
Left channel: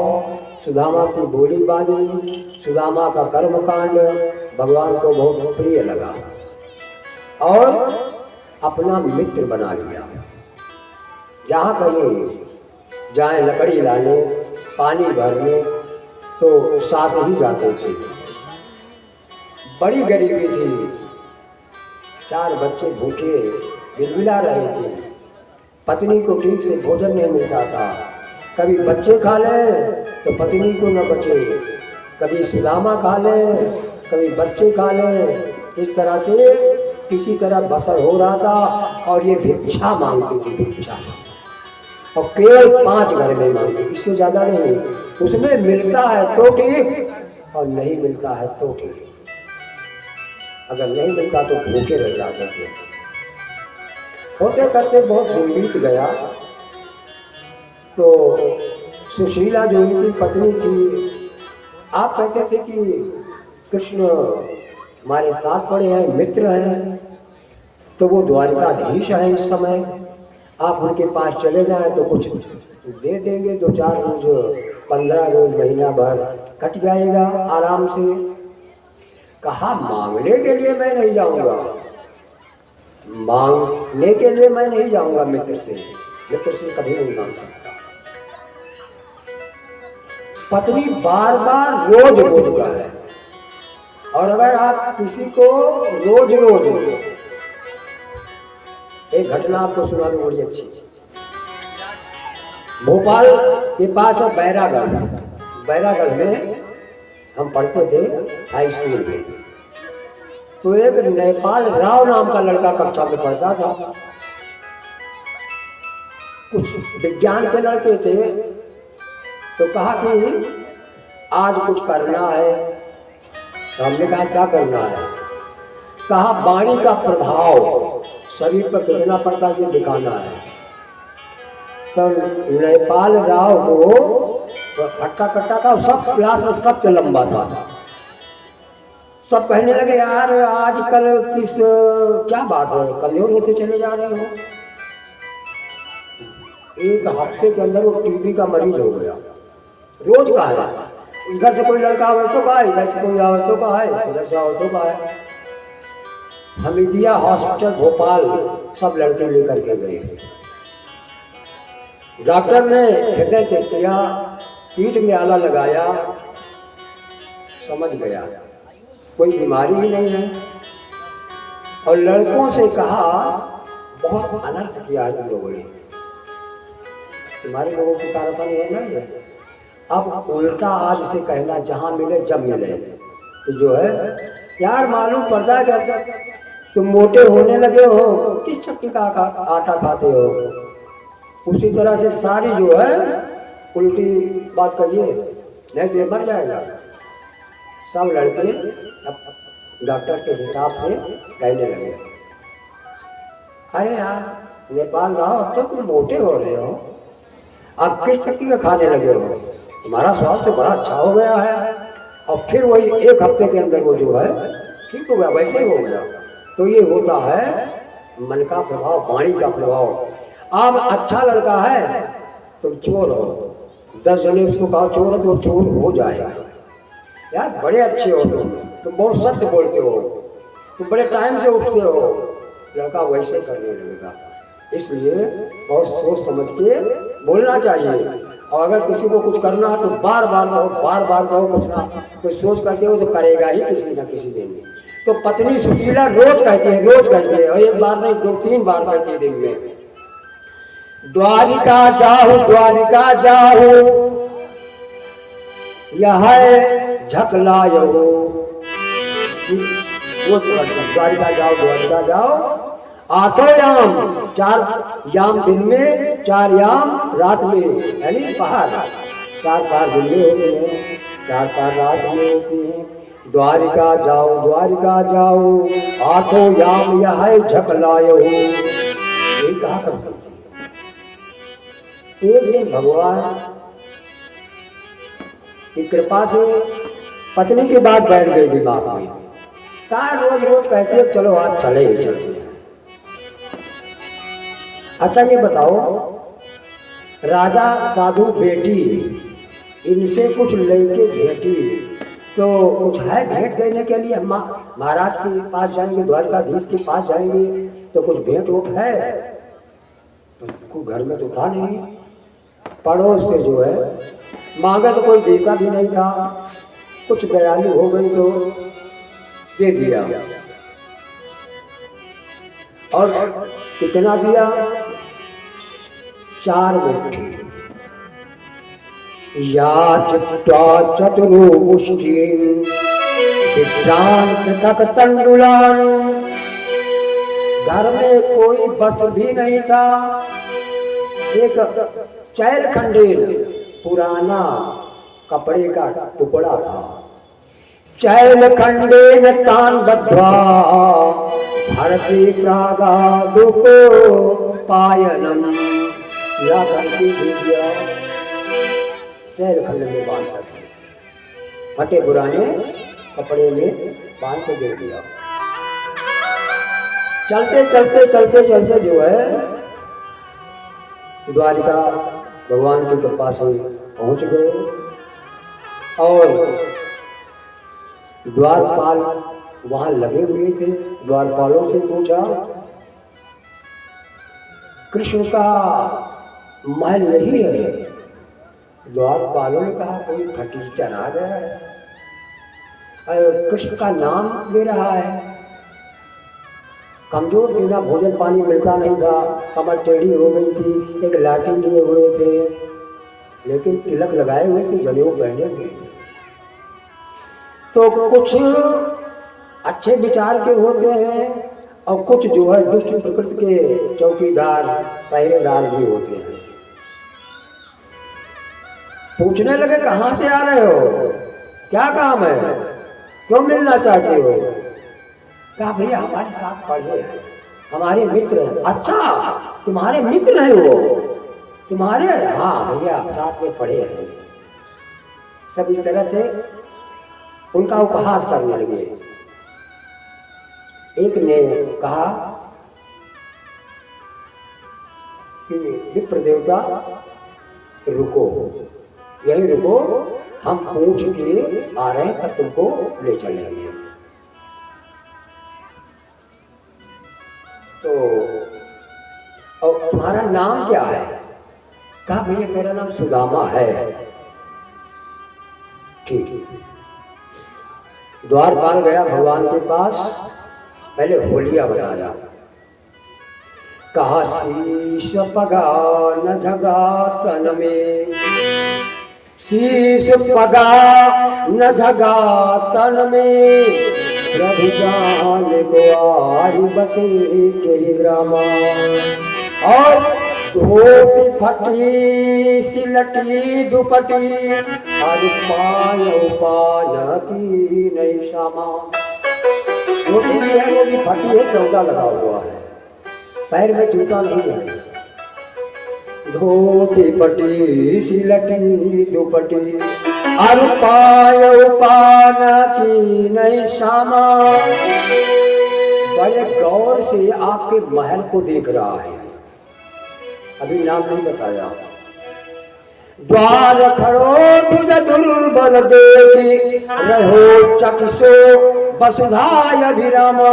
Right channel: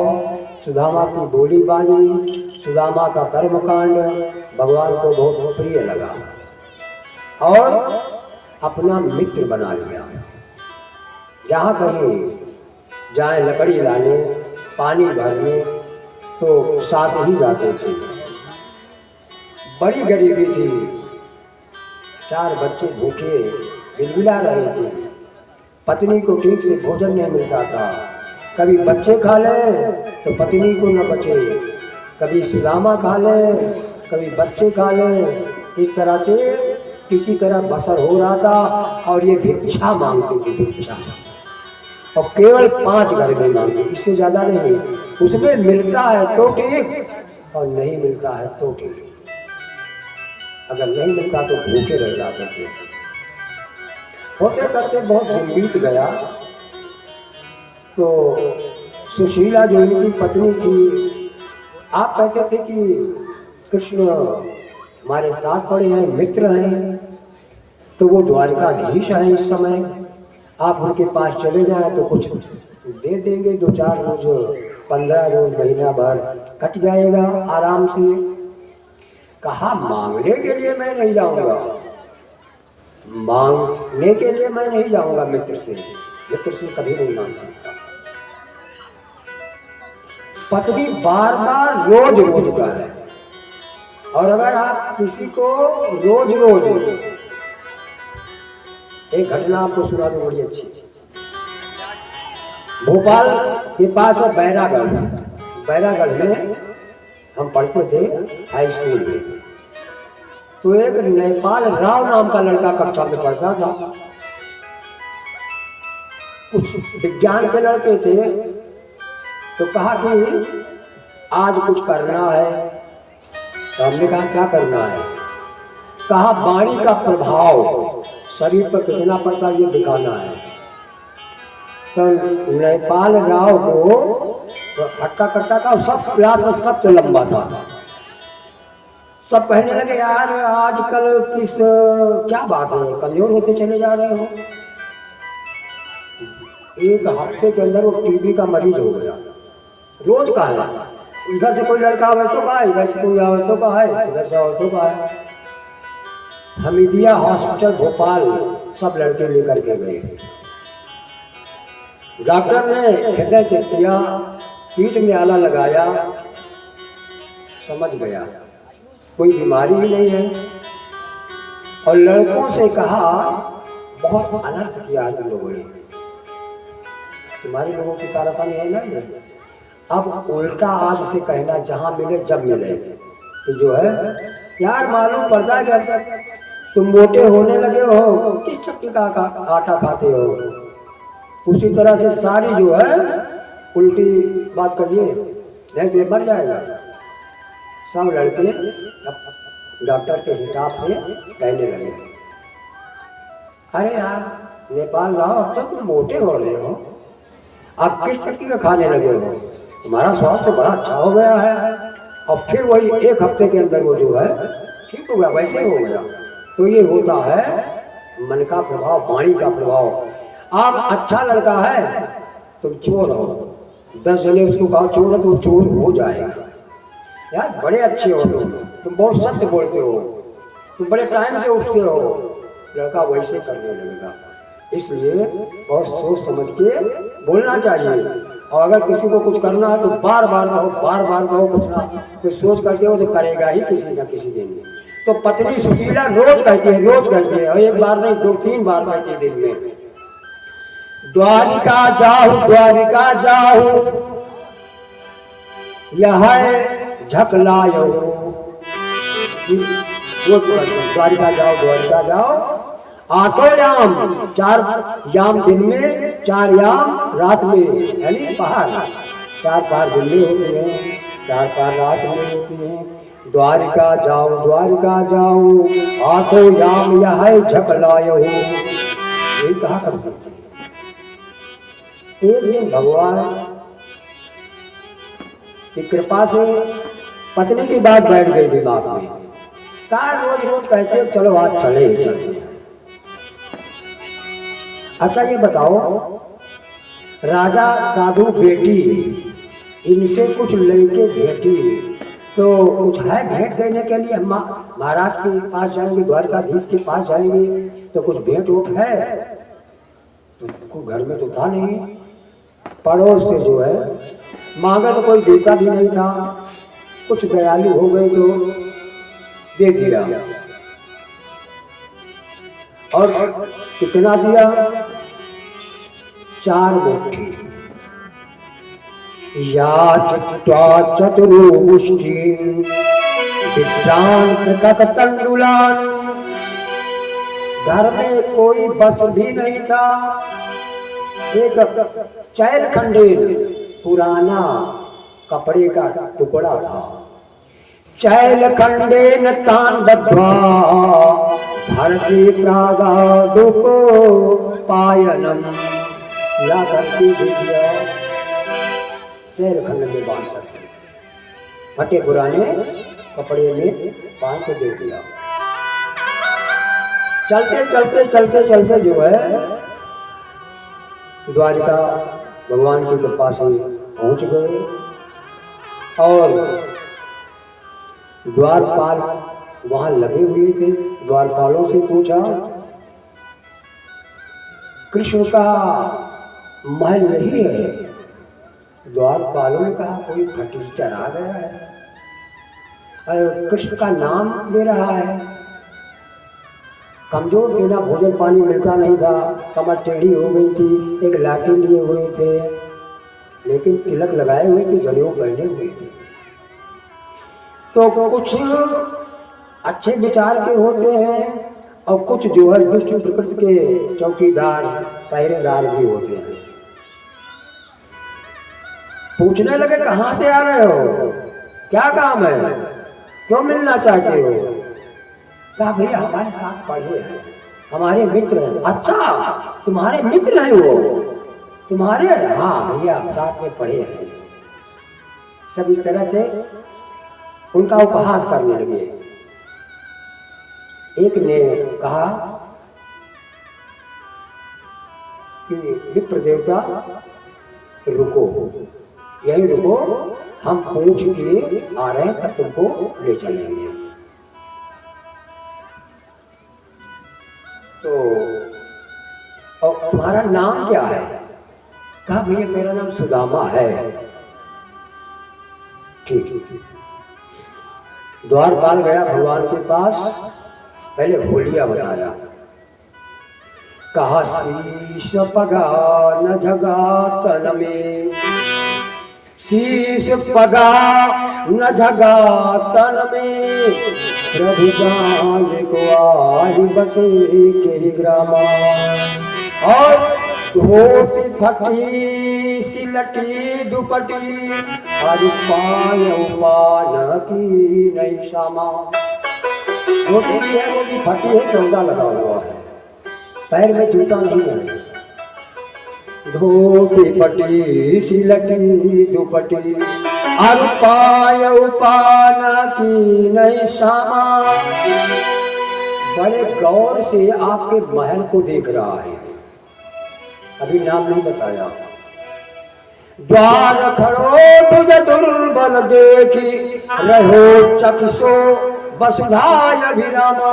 सुदामा की बोली बानी, सुदामा का कर्मकांड भगवान को बहुत प्रिय लगा और अपना मित्र बना लिया। जहाँ कहीं जाए लकड़ी लाने, पानी भरने, तो साथ ही जाते थे। बड़ी गरीबी थी, 4 बच्चे भूखे बिलबिला रहे थे, पत्नी को ठीक से भोजन नहीं मिलता था। कभी बच्चे खा लें तो पत्नी को न बचे, कभी सुदामा खा लें, कभी बच्चे खा लें। इस तरह से किसी तरह बसर हो रहा था। और ये भिक्षा मांगती थी, भिक्षा, और केवल 5 घर में मांगती, इससे ज्यादा नहीं। उसमें मिलता है तो ठीक और नहीं मिलता है तो ठीक। अगर नहीं मिलता तो भूखे रह जाते थे। होते करते बहुत दिन बीत गया तो सुशीला जो इनकी पत्नी थी, आप कहते थे कि कृष्ण हमारे साथ पड़े हैं, मित्र हैं, तो वो द्वारकाधीश है इस समय, आप उनके पास चले जाएं तो कुछ दे देंगे, 2-4 रोज, 15 रोज, महीना भर कट जाएगा आराम से। कहा मांगने के लिए मैं नहीं जाऊंगा, मांगने के लिए मैं नहीं जाऊंगा मित्र से कभी नहीं मांग सकता। पत्नी बार बार रोज का है। और अगर आप किसी को रोज एक घटना आपको सुना दूं बड़ी अच्छी। भोपाल के पास है बैरागढ़ में हम पढ़ते थे हाई स्कूल में। तो एक नेपाल राव नाम का लड़का कक्षा में पढ़ता था। कुछ विज्ञान के लड़के थे, तो कहा कि आज कुछ करना है। तो हमने कहा क्या करना है? कहा वाणी का प्रभाव शरीर पर कितना पड़ता है ये दिखाना है। तो नेपाल राव को तो हट्टा कट्टा का सब क्लास में सबसे लंबा था। सब कहने लगे यार आजकल क्या बात है, कमजोर होते चले जा रहे हो। एक हफ्ते के अंदर वो टीबी का मरीज हो गया। रोज का है, इधर से कोई लड़का औरतों का है, इधर से कोई औरतों का है, इधर से औरतों का है। हमीदिया हॉस्पिटल भोपाल सब लड़के लेकर के गए। डॉक्टर ने हृदय चेक किया, पीठ में आला लगाया, समझ गया कोई बीमारी ही नहीं है। और लड़कों से कहा बहुत अनर्थ किया है तुम लोगों ने, तुम्हारे लोगों की कारसानी है नहीं है। अब उल्टा आज से कहना जहां मिले जब मिले तो जो है यार मालूम पड़ता है कि तुम मोटे होने लगे हो, किस चक्की का आटा खाते हो। उसी तरह से सारी जो है उल्टी बात करिए, नहीं तो मर जाएगा। सब लड़के डॉक्टर के हिसाब से कहने लगे अरे यार नेपाल राव अब तक तुम मोटे हो रहे हो, आप किस चक्की का खाने लगे हो, तुम्हारा स्वास्थ्य बड़ा अच्छा हो गया है। और फिर वही 1 हफ्ते के अंदर वो जो है ठीक हो गया, वैसे ही हो गया। तो ये होता है मन का प्रभाव, वाणी का प्रभाव। आप अच्छा लड़का है, तुम चोर हो, 10 जने उसको कहो चोर है तो चोर हो जाएगा। यार बड़े अच्छे हो तुम बहुत सत्य बोलते हो, तुम बड़े टाइम से उठते हो, लड़का वैसे करने लगेगा। इसलिए बहुत सोच समझ के बोलना चाहिए। और अगर किसी को कुछ करना है तो बार बार कहो कुछ ना, तो सोच करके वो तो करेगा ही किसी न किसी दिन। तो पत्नी सुशीला रोज कहती है, और एक बार नहीं 2-3 बार कहती है दिन में, द्वारिका जाहु यह झकलायो। द्वारिका जाओ 8 याम, 4 याम दिन में, 4 याम रात में, यानी पहाड़ 4 पहाड़ दिन में होते हैं, 4 पहाड़ रात में होती हैं। द्वारिका जाओ 8 याम यह झकलायो। यही कहा कर सकते। एक दिन भगवान की कृपा से पत्नी की बात बैठ गई दिमाग में। कहा रोज कहती है चलो आज चले ही चलते हैं। अच्छा ये बताओ, राजा साधु बेटी इनसे कुछ लेके भेटी तो कुछ है भेंट देने के लिए? हम महाराज के पास जाएंगे, द्वारकाधीश के पास जाएंगे तो कुछ भेंट उठ है? तो घर में तो था नहीं। पड़ोस से जो है मांगा तो कोई देता भी नहीं था, कुछ दयालु हो गए तो दे दिया। और कितना दिया? 4 मुट्ठी। या चित्ता चतुर्मुष्टि विभ्रांत तंडुलान। घर में कोई बस भी नहीं था। एक चैल खंडेल पुराना कपड़े का टुकड़ा था। चैल खंडेल तान बद्ध्वा भारती प्रागादो को पायनम। या करके दे दिया, चैल खंड में बांध कर, फटे पुराने कपड़े में बांध के दे दिया। चलते चलते चलते चलते जो है द्वारिका भगवान की कृपा से पहुंच गए। और द्वारपाल वहां लगे हुए थे। द्वारपालों से पूछा, कृष्ण का महल यही है? द्वारपालों ने कहा, कोई फटीचर आ गया है, कृष्ण का नाम ले रहा है। कमजोर थी ना, भोजन पानी मिलता नहीं था, कमर टेढ़ी हो गई थी, एक लाठी लिए हुए थे, लेकिन तिलक लगाए हुए थे, जनेऊ पहने हुए थे। तो कुछ अच्छे विचार के होते हैं और कुछ जो है दुष्ट प्रकृति के चौकीदार पहरेदार भी होते हैं। पूछने लगे, कहाँ से आ रहे हो, क्या काम है, क्यों मिलना चाहते हो? कहा, भैया हमारे साथ पढ़े हैं, हमारे मित्र हैं। अच्छा, तुम्हारे मित्र हैं वो? तुम्हारे? हाँ भैया, साथ में पढ़े हैं। सब इस तरह से उनका उपहास करने लगे। एक ने कहा कि विप्र देवता रुको, यही रुको, हम पूछ के आ रहे हैं, तब तुमको ले चलेंगे। तो और तुम्हारा नाम क्या है? कहा, भैया मेरा नाम सुदामा है। ठीक। द्वारपाल गया भगवान के पास, पहले होलिया बताया। कहा, शीश पगा न जगा तन में, शीश पगा न जगा तन में, प्रभु जान ग्वारी बसे के ग्रामा। और धोती फटी सिलटी दुपटी, और पान की नई शामा। धोती है वो भी फटी है, चौदा लगा हुआ है, पैर में जूता नहीं है। धोती फटी सिलटी दुपटी, और पान की नई शामा। बड़े गौर से आपके महल को देख रहा है, अभी नाम नहीं बताया। द्वार खड़ो तुझ दुर्बल देखी, रहो चकिसो वसुधाय विरामा।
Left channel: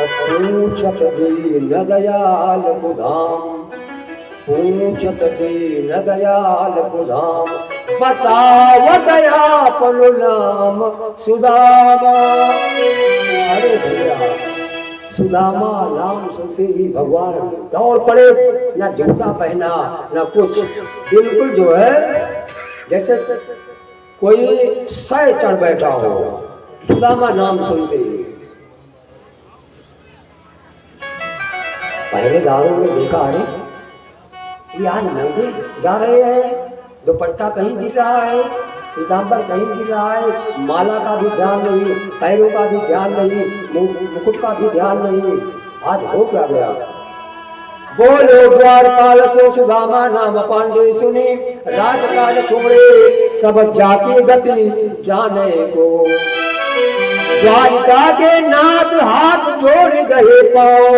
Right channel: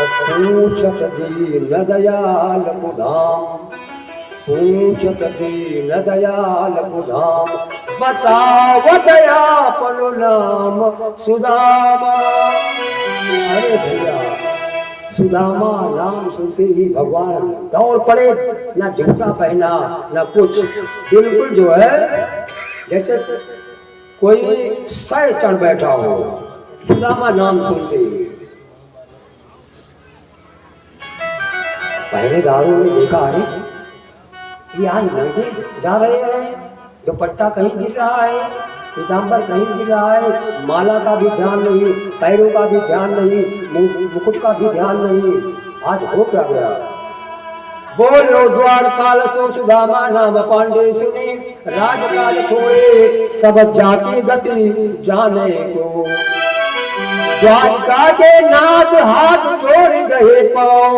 पूछत दीन दयाल बुधाम, पूछत दीन दयाल बुधाम, बताओ दया पनु नाम सुदामा। अरे भैया, सुदामा नाम सुनते ही भगवान दौड़ पड़े, ना जूता पहना ना कुछ, बिल्कुल जो है जैसे कोई सय चढ़ बैठा हो। सुदामा नाम सुनते ही पहरेदारों ने देखा, अरे यार नंगे जा रहे हैं, दुपट्टा कहीं गिर रहा है, पीताम्बर कहीं गिर रहा है, माला का भी ध्यान नहीं, पैरों का भी ध्यान नहीं, मुकुट का भी ध्यान नहीं। आज हो क्या गया? बोलो द्वारपाल सो सुदामा नाम पांडे सुनी, राजकाज छोड़े सब जाके गति जाने को। द्वारका के नाथ हाथ जोड़ गए पाओ,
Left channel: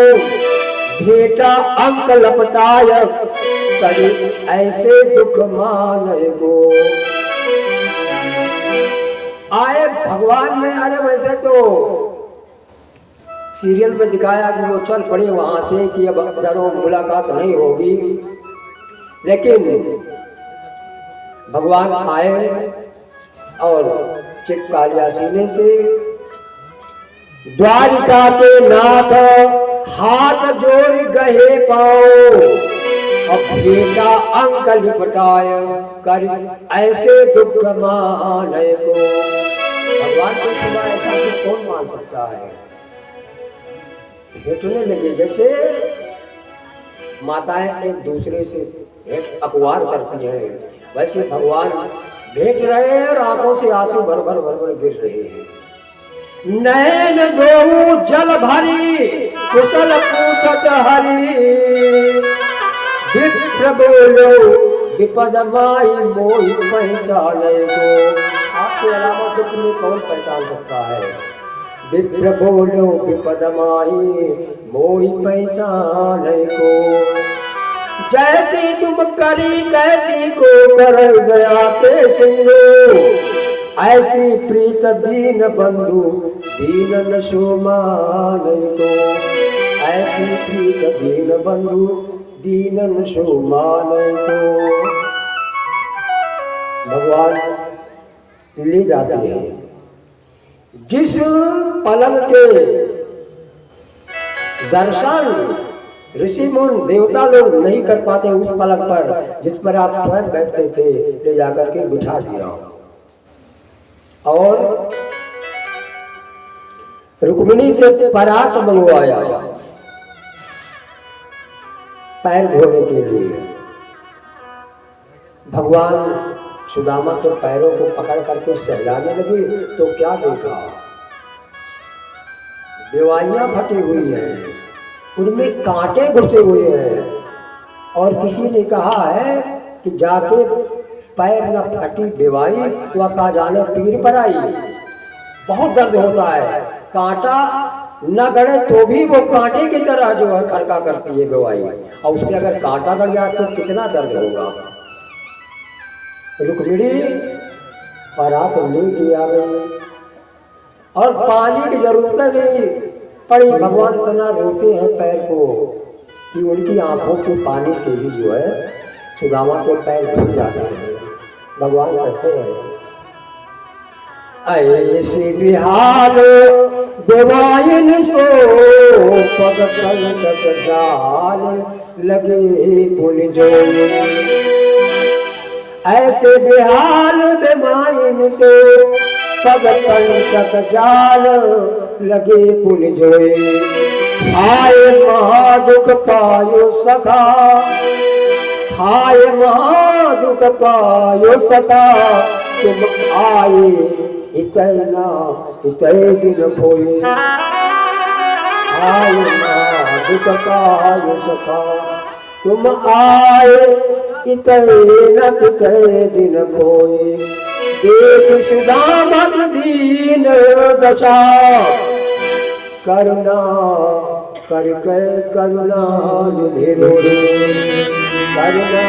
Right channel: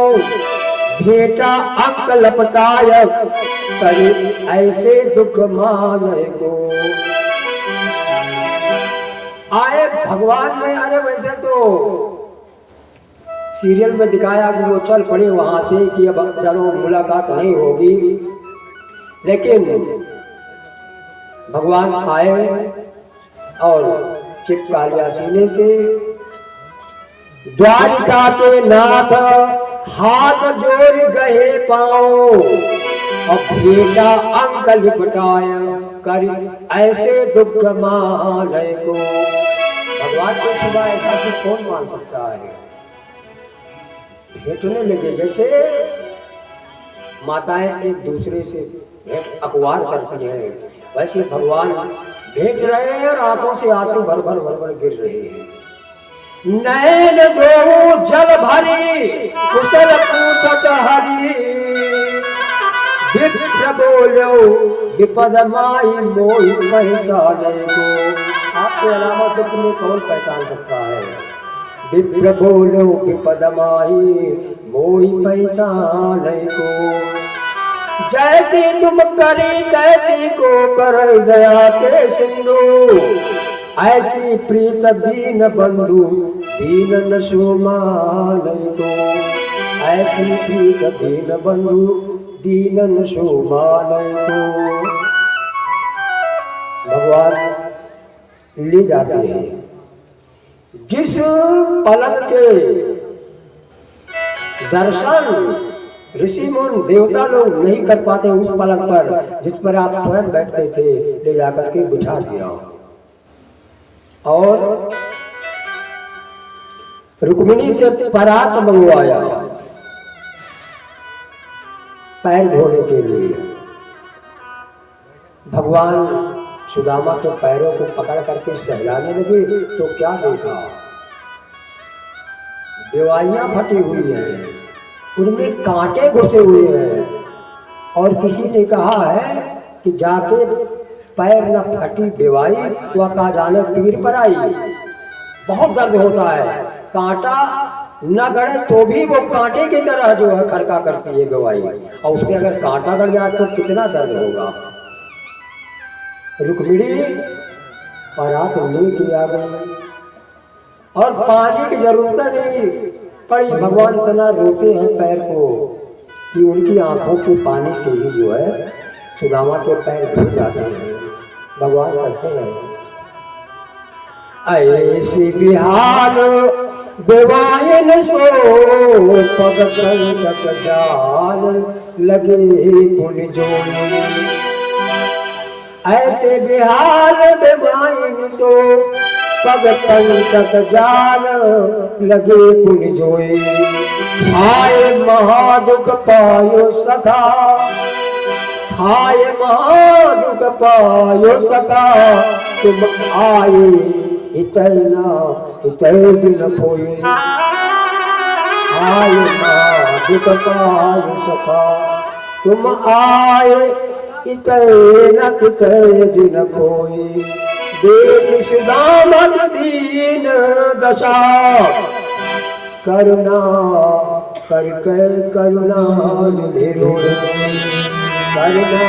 भेटा अंक लपटाय करे ऐसे दुख माने को। आए भगवान में, अरे वैसे तो सीरियल में दिखाया कि वो चल पड़े वहां से कि अब जरूर मुलाकात नहीं होगी, लेकिन भगवान आए और चित्का लिया सीने से। द्वारिका के नाथ हाथ जोड़ गए पाओ और बेटा अंक लिपटाय कर ऐसे दुख माने को। भगवान के सिवा ऐसा तो कौन मान सकता है। भेटने लगे जैसे माताएं एक दूसरे से भेंट अखबार करती है, वैसे भगवान भेंट रहे हैं और आंखों से आंसू भर भर भर भर गिर रहे हैं। नैन दो जल भरी कुशल पूछत हरि विप्र बोलो विपद माई मोहि पहचाने को। आपके अलावा तो तुम्हें कौन पहचान सकता है। विप्र बोलो विपद माई मोहि पहचाने को। जैसी तुम करी कैसी को कर गया के सिंधु ऐसी प्रीत दीन बंधु दीनन सुमाने को। ऐसी प्रीत दीन बंधु दीनन सुमाने को। भगवान ले जाते हैं। जिस पलंग के दर्शन ऋषि मुनि देवता लोग नहीं कर पाते, उस पलंग पर जिस पर आप स्वयं बैठते थे ले जाकर के बिठा दिया और रुक्मिणी से परात मंगवाया पैर धोने के लिए। भगवान सुदामा के पैरों को पकड़ करके सहलाने लगे तो क्या देखा, बेवाइयां फटी हुई हैं, उनमें कांटे घुसे हुए हैं और किसी ने कहा है कि जाके पैर न फटी बेवाई तो कहा जाने पीर पर आई। बहुत दर्द होता है, कांटा न गड़े तो भी वो कांटे की तरह जो है खड़का करती है बेवाई, और उसमें अगर कांटा गड़ जाए तो कितना दर्द होगा। रुक्मिणी परात नहीं आ गई और पानी की जरूरत नहीं पड़ी। भगवान इतना रोते हैं पैर को कि उनकी आंखों के पानी से ही जो है सुदामा के पैर धुल जाते हैं। भगवान कहते हैं ऐसी बिहार बेवाइन सो पग पंकज जाल लगे पुल जो। ऐसे बिहार बेवाइन सो पग पंकज जाल लगे पुल जोए। आए महादुख पायो सखा, आए महादुख पायो सखा, तुम आए इतना इतने दिन खोए। आए महादुख पायो सखा, तुम आए इतने कितने दिन खोए। देख सुदामा दीन दशा, करुणा करके करुणा निधि रोए। करुणा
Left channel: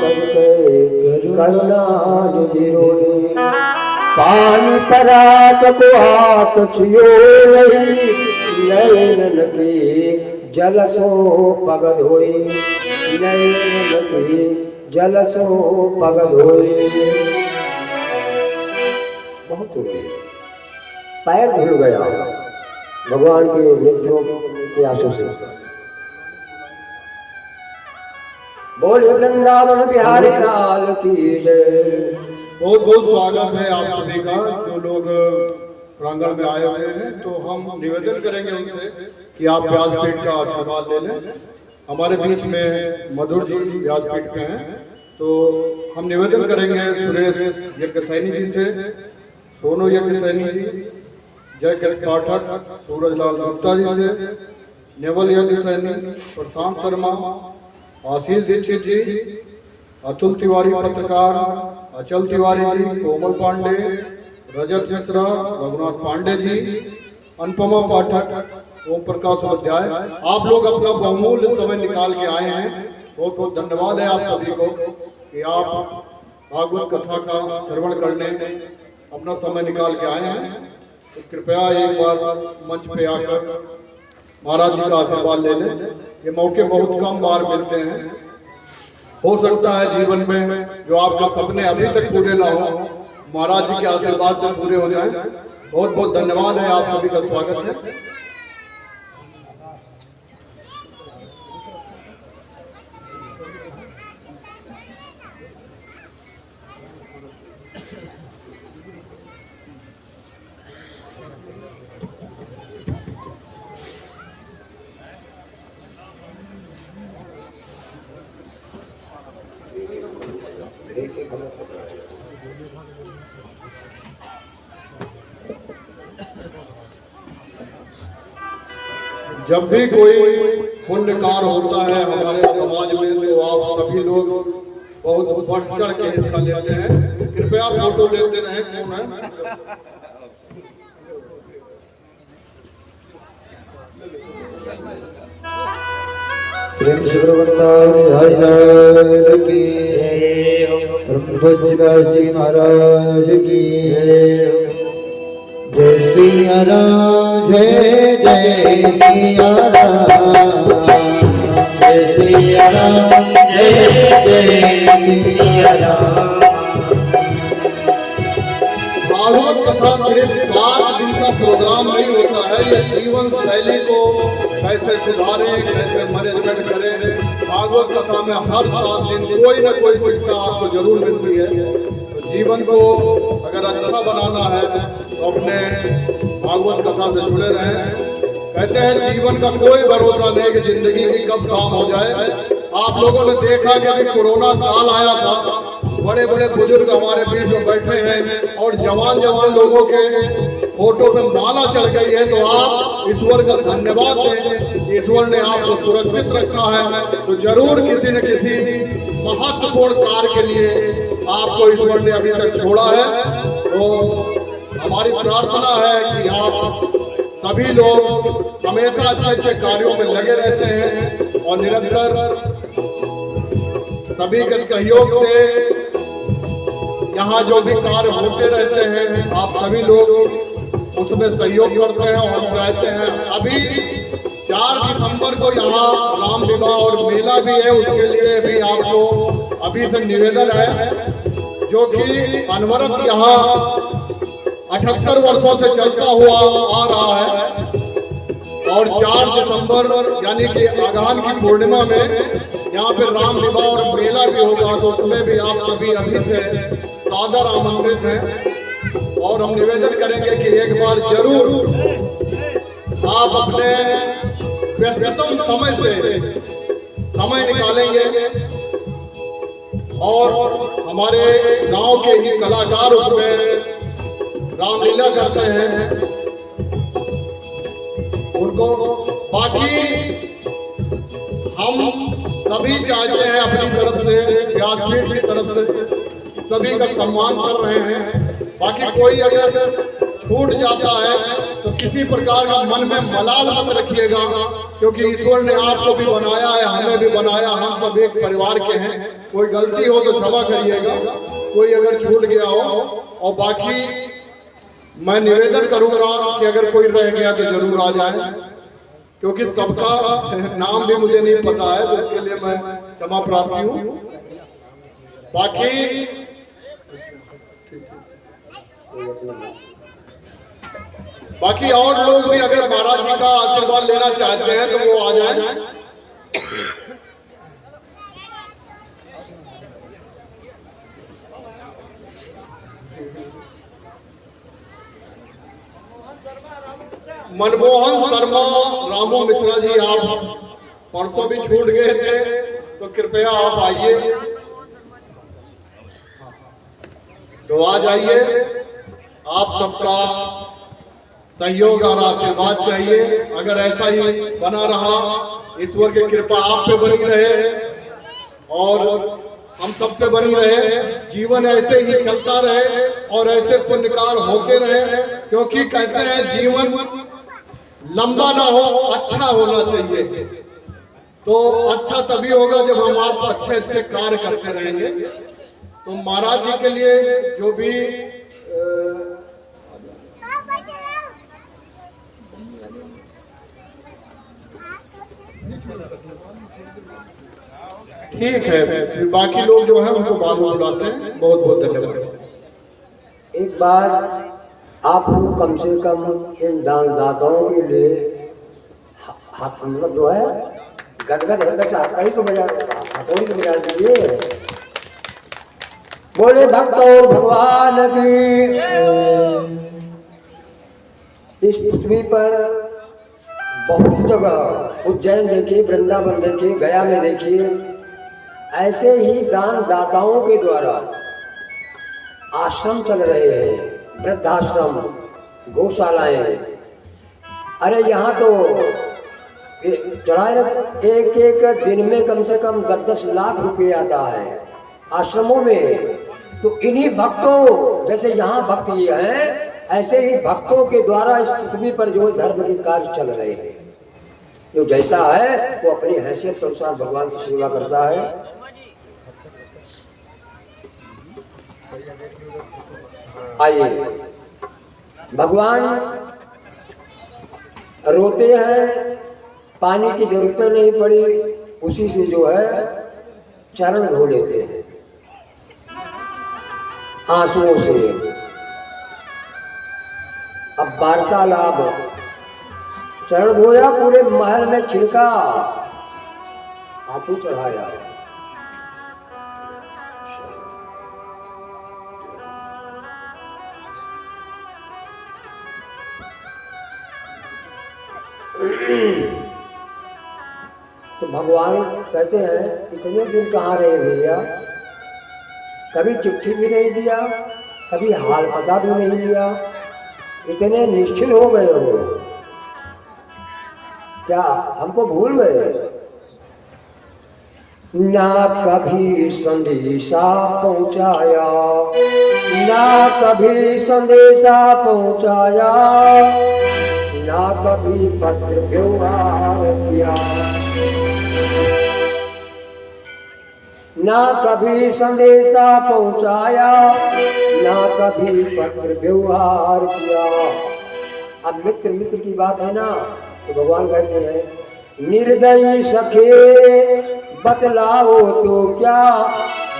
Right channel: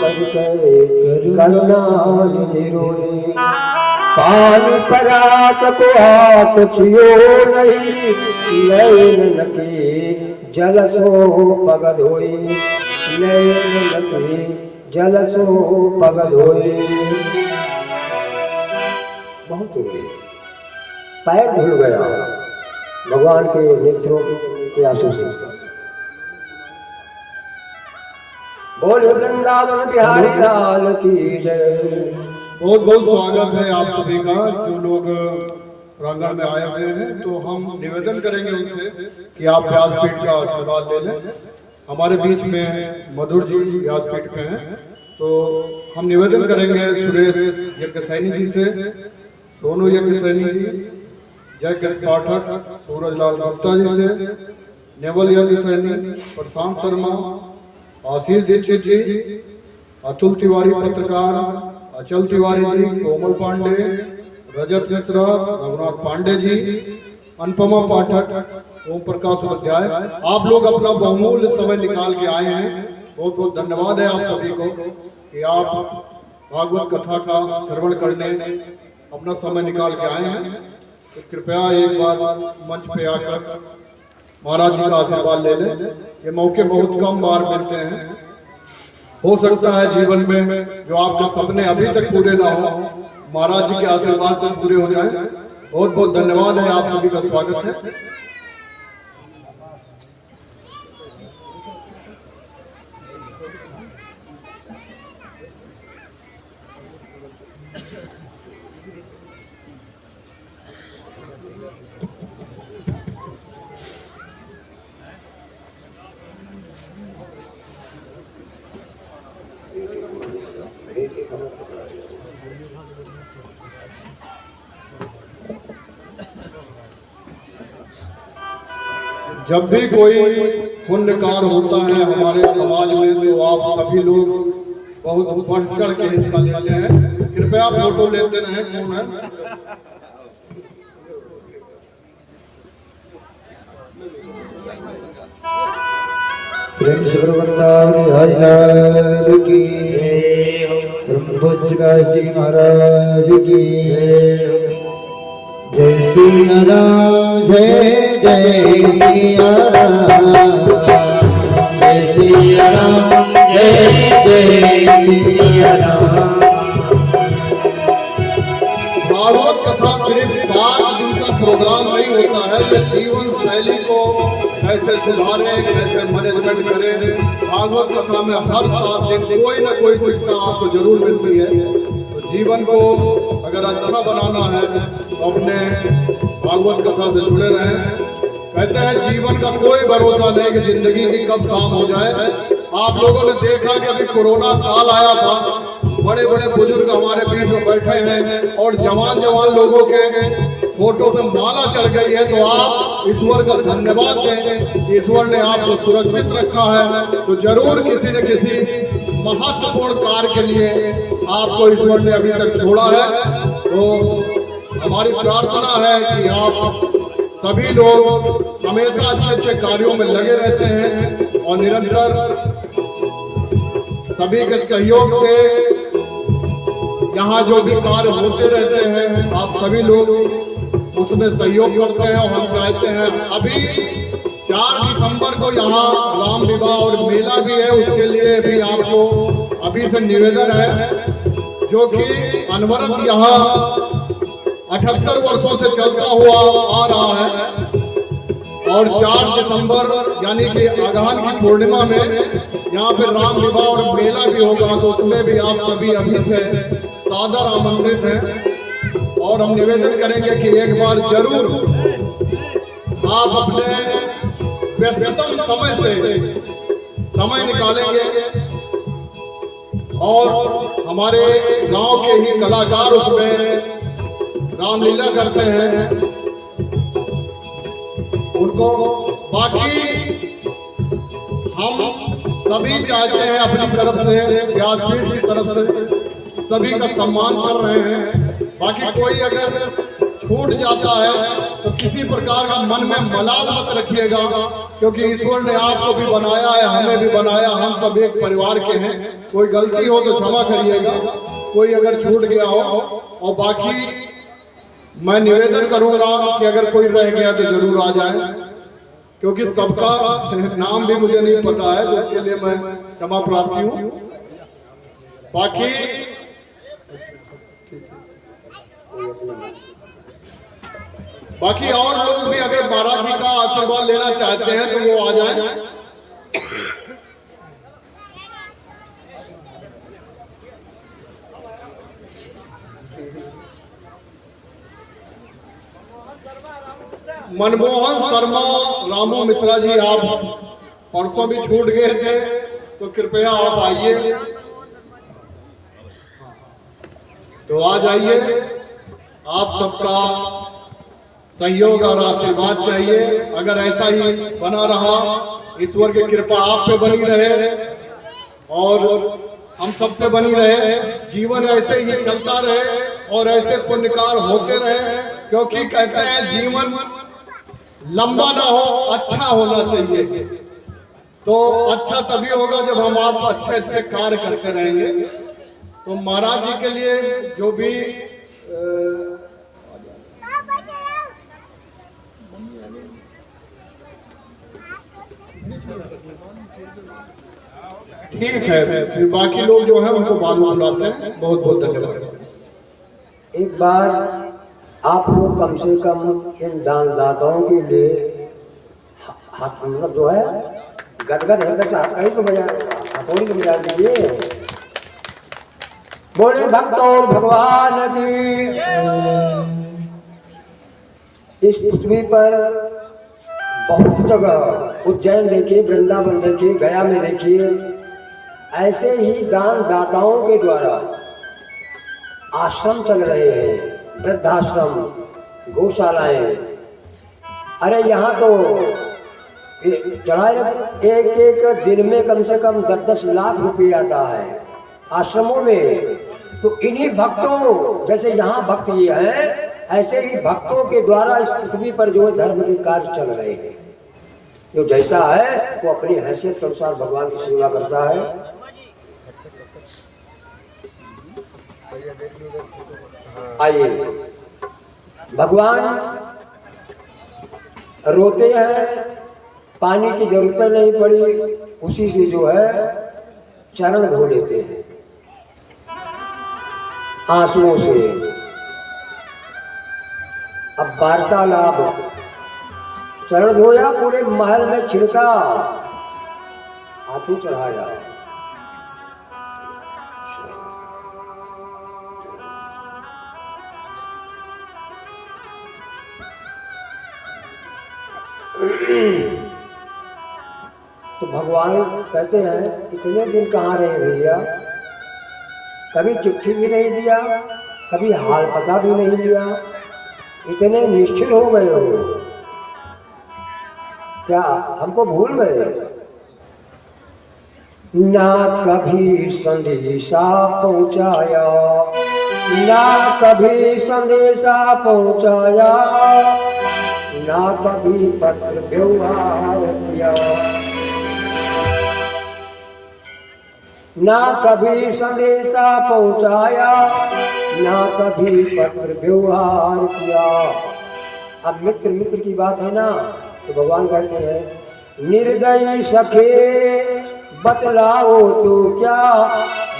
करके करुणा निधि रोए। पानी परात को हाथ छियो नहीं, नैन के जल सो पग धोए। नैन के जल सो पग धोए। बहुत हो गए, पैर धुल गया भगवान के नेत्रों के आंसू से। बोले वृंदावन बिहारी लाल की जय। बहुत बहुत स्वागत है आप सभी का जो लोग प्रांगण में आए हुए हैं। तो हम निवेदन करेंगे उनसे कि आप व्यासपीठ का आशीर्वाद ले लें। हमारे बीच में मधुर जी व्यासपीठ पे हैं, तो हम निवेदन करेंगे सुरेश यज्ञसैनी जी से, सोनू यज्ञसैनी जी, जयकेश पाठक, सूरजलाल गुप्ता जी से, नेवल यज्ञसैनी, प्रशांत शर्मा, आशीष दीक्षित जी, अतुल तिवारी पत्रकार, अचल तिवारी जी, कोमल पांडे, रजत मिश्रा, रघुनाथ पांडे जी, अनुपमा पाठक, ओम प्रकाश उपाध्याय। आप लोग अपना बहुमूल्य समय निकाल के आए हैं। बहुत बहुत धन्यवाद है आप सभी को कि आप भागवत कथा का श्रवण करने अपना समय निकाल के आए हैं। तो कृपया एक बार मंच पे आकर महाराज जी का आशीर्वाद ले लें। ये मौके बहुत कम बार मिलते हैं। हो सकता है जीवन में जो आपके सपने अभी तक पूरे ना हो, महाराज जी के आशीर्वाद से पूरे हो जाए। बहुत बहुत धन्यवाद है, आप सभी का स्वागत है। जब भी कोई पुण्य कार्य होता है हमारे समाज में, तो आप सभी लोग बहुत बढ़ चढ़ के हिस्सा लेते हैं। कृपया फोटो लेते रहें। क्यों है प्रेम से हरिलाल की, ब्रह्मजी महाराज की जय सिया राम, जय जय सिया राम, जय सिया राम, जय जय सिया राम। भागवत कथा सिर्फ 7 दिन का प्रोग्राम नहीं होता है। ये जीवन शैली को कैसे सुधारे, कैसे मैनेजमेंट करें। भागवत कथा में हर 7 दिन कोई ना कोई शिक्षा आपको जरूर मिलती है। तो जीवन को अगर अच्छा बनाना है तो अपने भागवत कथा से जुड़े रहें। कहते हैं जीवन का कोई भरोसा नहीं कि जिंदगी की कब शाम हो जाए। आप लोगों ने देखा कि अभी कोरोना काल आया था, बड़े बड़े बुजुर्ग हमारे बीच में बैठे हैं और जवान जवान लोगों के फोटो पे माला चढ़ गई है। तो आप ईश्वर का धन्यवाद दें, ईश्वर ने आपको सुरक्षित रखा है। तो जरूर किसी न किसी महत्वपूर्ण कार्य के लिए आपको ईश्वर ने अभी तक छोड़ा है। तो हमारी प्रार्थना है कि आप सभी लोग हमेशा अच्छे अच्छे कार्यों में लगे रहते हैं और निरंतर सभी के सहयोग से यहाँ जो भी कार्य होते रहते हैं, आप सभी लोग उसमें सहयोग करते हैं। और हम चाहते हैं अभी 4 दिसंबर को यहाँ राम विवाह और मेला भी है, उसके लिए भी आपको अभी से निवेदन है, जो कि अनवरत यहाँ 78 वर्षों से चलता हुआ आ रहा है। और 4 दिसंबर यानी कि आगान की पूर्णिमा में यहाँ पे राम विवाह और मेला भी होगा। तो उसमें भी आप सभी अभी से सादर आमंत्रित हैं। और हम निवेदन करेंगे कि एक बार जरूर आप अपने व्यस्ततम समय से समय निकालेंगे और हमारे गांव के ही कलाकार उसमें रामलीला करते हैं उनको। बाकी हम सभी चाहते हैं अपनी तरफ से, व्यासपीठ की तरफ से सभी का सम्मान कर रहे हैं। बाकी कोई अगर छूट जाता है तो किसी प्रकार का मन में मलाल मत रखिएगा, क्योंकि ईश्वर ने आपको भी बनाया है, हमें भी बनाया, हम सब एक परिवार के हैं। कोई गलती हो तो क्षमा करिएगा, कोई अगर छूट गया हो। और बाकी मैं निवेदन करूंगा कि अगर कोई रह गया तो जरूर आ जाए, क्योंकि सबका नाम भी मुझे नहीं पता है, तो इसके लिए मैं क्षमा प्रार्थी हूँ। बाकी और लोग भी अगर महाराज जी का आशीर्वाद लेना चाहते हैं तो वो आ जाएं। मनमोहन शर्मा, रामू मिश्रा जी, आप परसों भी छूट गए थे, तो कृपया आप आइए, तो आ जाइए। आप सबका सहयोग और आशीर्वाद चाहिए। अगर ऐसा ही बना रहा, ईश्वर की कृपा आप पे बनी रहे और हम सब पे बनी रहे, जीवन ऐसे ही चलता रहे और ऐसे पुण्यकार होते रहे, क्योंकि कहते हैं जीवन लंबा ना हो, अच्छा होना चाहिए। तो अच्छा तभी होगा जब हम आप अच्छे अच्छे कार्य करते रहेंगे। तो महाराज जी के लिए जो भी ठीक है, फिर बाकी लोग जो है उनको बाद में बुलाते हैं। बहुत बहुत धन्यवाद। एक बार आप लोग कम से कम इन दानदाताओं के लिए हाथ मतलब जो है गदगद हृदय से हथकड़ी तो बजा हथौड़ी तो बजा दीजिए। बोले भक्तों भगवान की। इस पृथ्वी पर बहुत जगह उज्जैन देखिए, वृंदावन देखिए, गया में देखिए, ऐसे ही दान दाताओं के द्वारा आश्रम चल रहे हैं, वृद्धाश्रम, गौशालाएं। अरे यहाँ तो चढ़ाए एक एक दिन में कम से कम 10-10 लाख रुपए आता है आश्रमों में। तो इन्हीं भक्तों जैसे यहाँ भक्त ये हैं, ऐसे ही भक्तों के द्वारा इस पृथ्वी पर जो धर्म के कार्य चल रहे हैं। जो जैसा है वो अपनी हैसियत के अनुसार भगवान की सेवा करता है। आइए, भगवान रोते हैं, पानी की जरूरत नहीं पड़ी, उसी से जो है चरण धो लेते हैं आंसुओं से। अब वार्तालाप, चरण धोया, पूरे महल में छिड़का, हाथों चढ़ाया। तो भगवान कहते हैं इतने दिन कहाँ रहे भैया, कभी चिट्ठी भी नहीं दिया, कभी हाल पता भी नहीं लिया, इतने निश्चिल हो गए हो, क्या हमको भूल गए? ना कभी संदेशा पहुंचाया, ना कभी संदेशा पहुंचाया, ना कभी पत्र व्यवहार किया, ना कभी संदेशा पहुंचाया, ना कभी पत्र व्यवहार किया। अब मित्र मित्र की बात है ना, तो भगवान कहते हैं निर्दयी सखे बतलाओ तो क्या,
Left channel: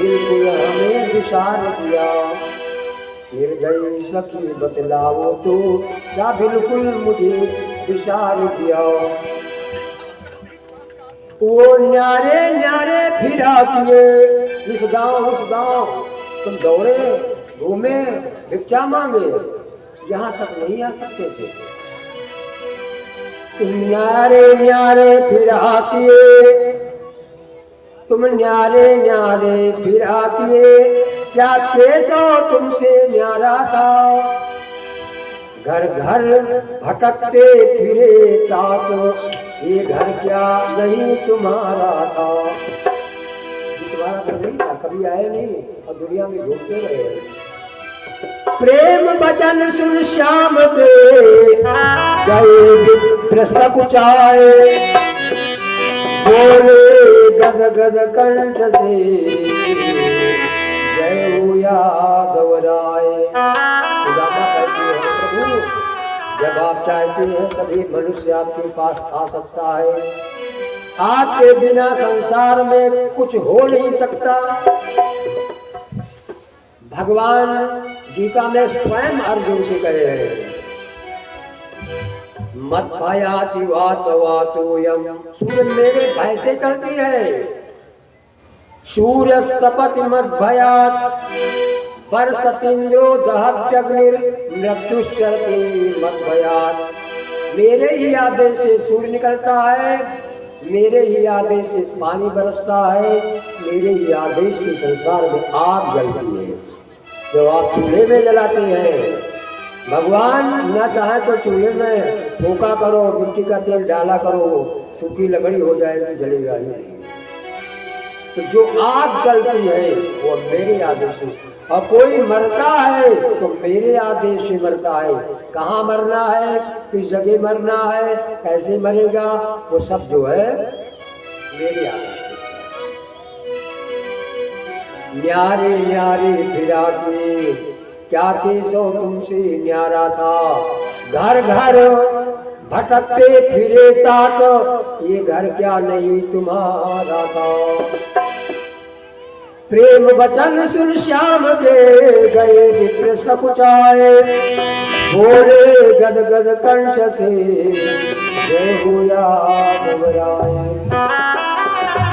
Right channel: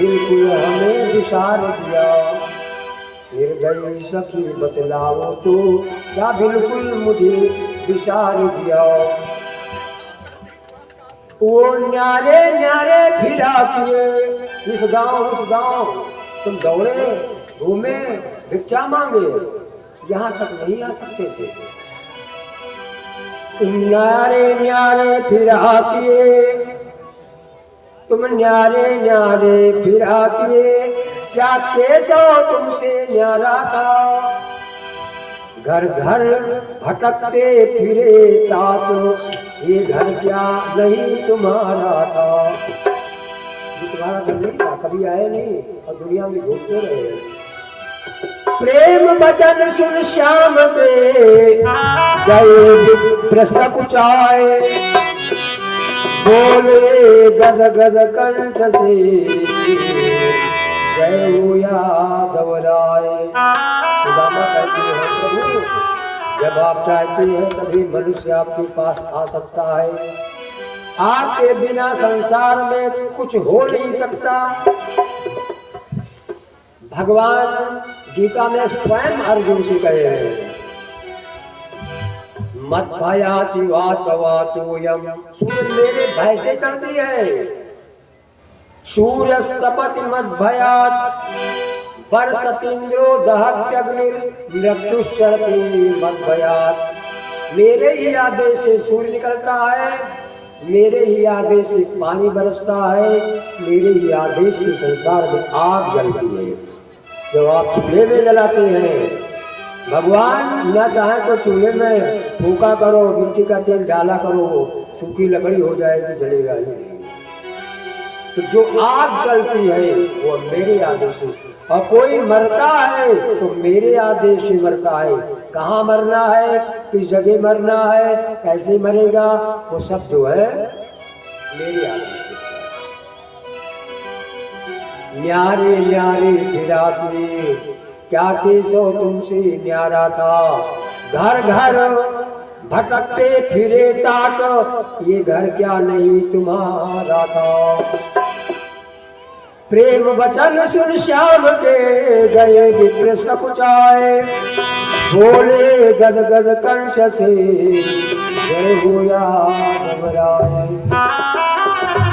बिल्कुल हमें विसार दिया। निर्दयी सखी बतलाओ तो क्या, बिल्कुल मुझे विसार दिया। वो न्यारे न्यारे फिरा किए, इस गांव उस गांव तुम दौड़े घूमे भिक्षा मांगे, यहाँ तक नहीं आ सकते थे। तुम न्यारे न्यारे फिरा किए, तुम न्यारे न्यारे फिरा किए, क्या केशव तुमसे न्यारा था। घर घर भटकते फिरे तात, ये घर क्या नहीं तुम्हारा था। तुम्हारा घर नहीं था, कभी आए नहीं और दुनिया में घूमते रहे। प्रेम वचन सुन श्याम के गए प्रसकुचाए, बोले गद गद कंठ से जय हो यादव राय। सुदामा कहती है प्रभु, जब आप चाहते हैं तभी मनुष्य आपके पास आ सकता है, आपके बिना संसार में कुछ हो नहीं सकता। भगवान गीता में स्वयं अर्जुन से कहे हैं मत भयाति वातवातोयम, सूर्य मेरे भय से चलती है। सूर्यस्तपति मद भयात वर्षतीन्द्रो दहत्यग्निर मृत्युश्चरति मद भयात। मेरे ही आदेश से सूर्य निकलता है, मेरे ही आदेश से पानी बरसता है, मेरे ही आदेश से संसार में आग जलती है। जब आप चूल्हे में जलाते हैं, भगवान न चाहे तो चूल्हे में फूका करो, मिट्टी का तेल डाला करो, सूखी लकड़ी हो जाएगी, जलेगा ही नहीं। तो जो आग जलती है वो मेरे आदेश से, और कोई मरता है तो मेरे आदेश से मरता है। कहाँ मरना है, किस जगह मरना है, कैसे मरेगा, वो सब जो है मेरे आदेश से। न्यारे न्यारे फिरा के, क्या केशव तुमसे न्यारा था। घर घर भटकते फिरे तात, ये घर क्या नहीं तुम्हारा था। प्रेम वचन सुन श्याम के गए विप्र सकुचाए, बोले गद गद कंठ से जय हुआ घबराए।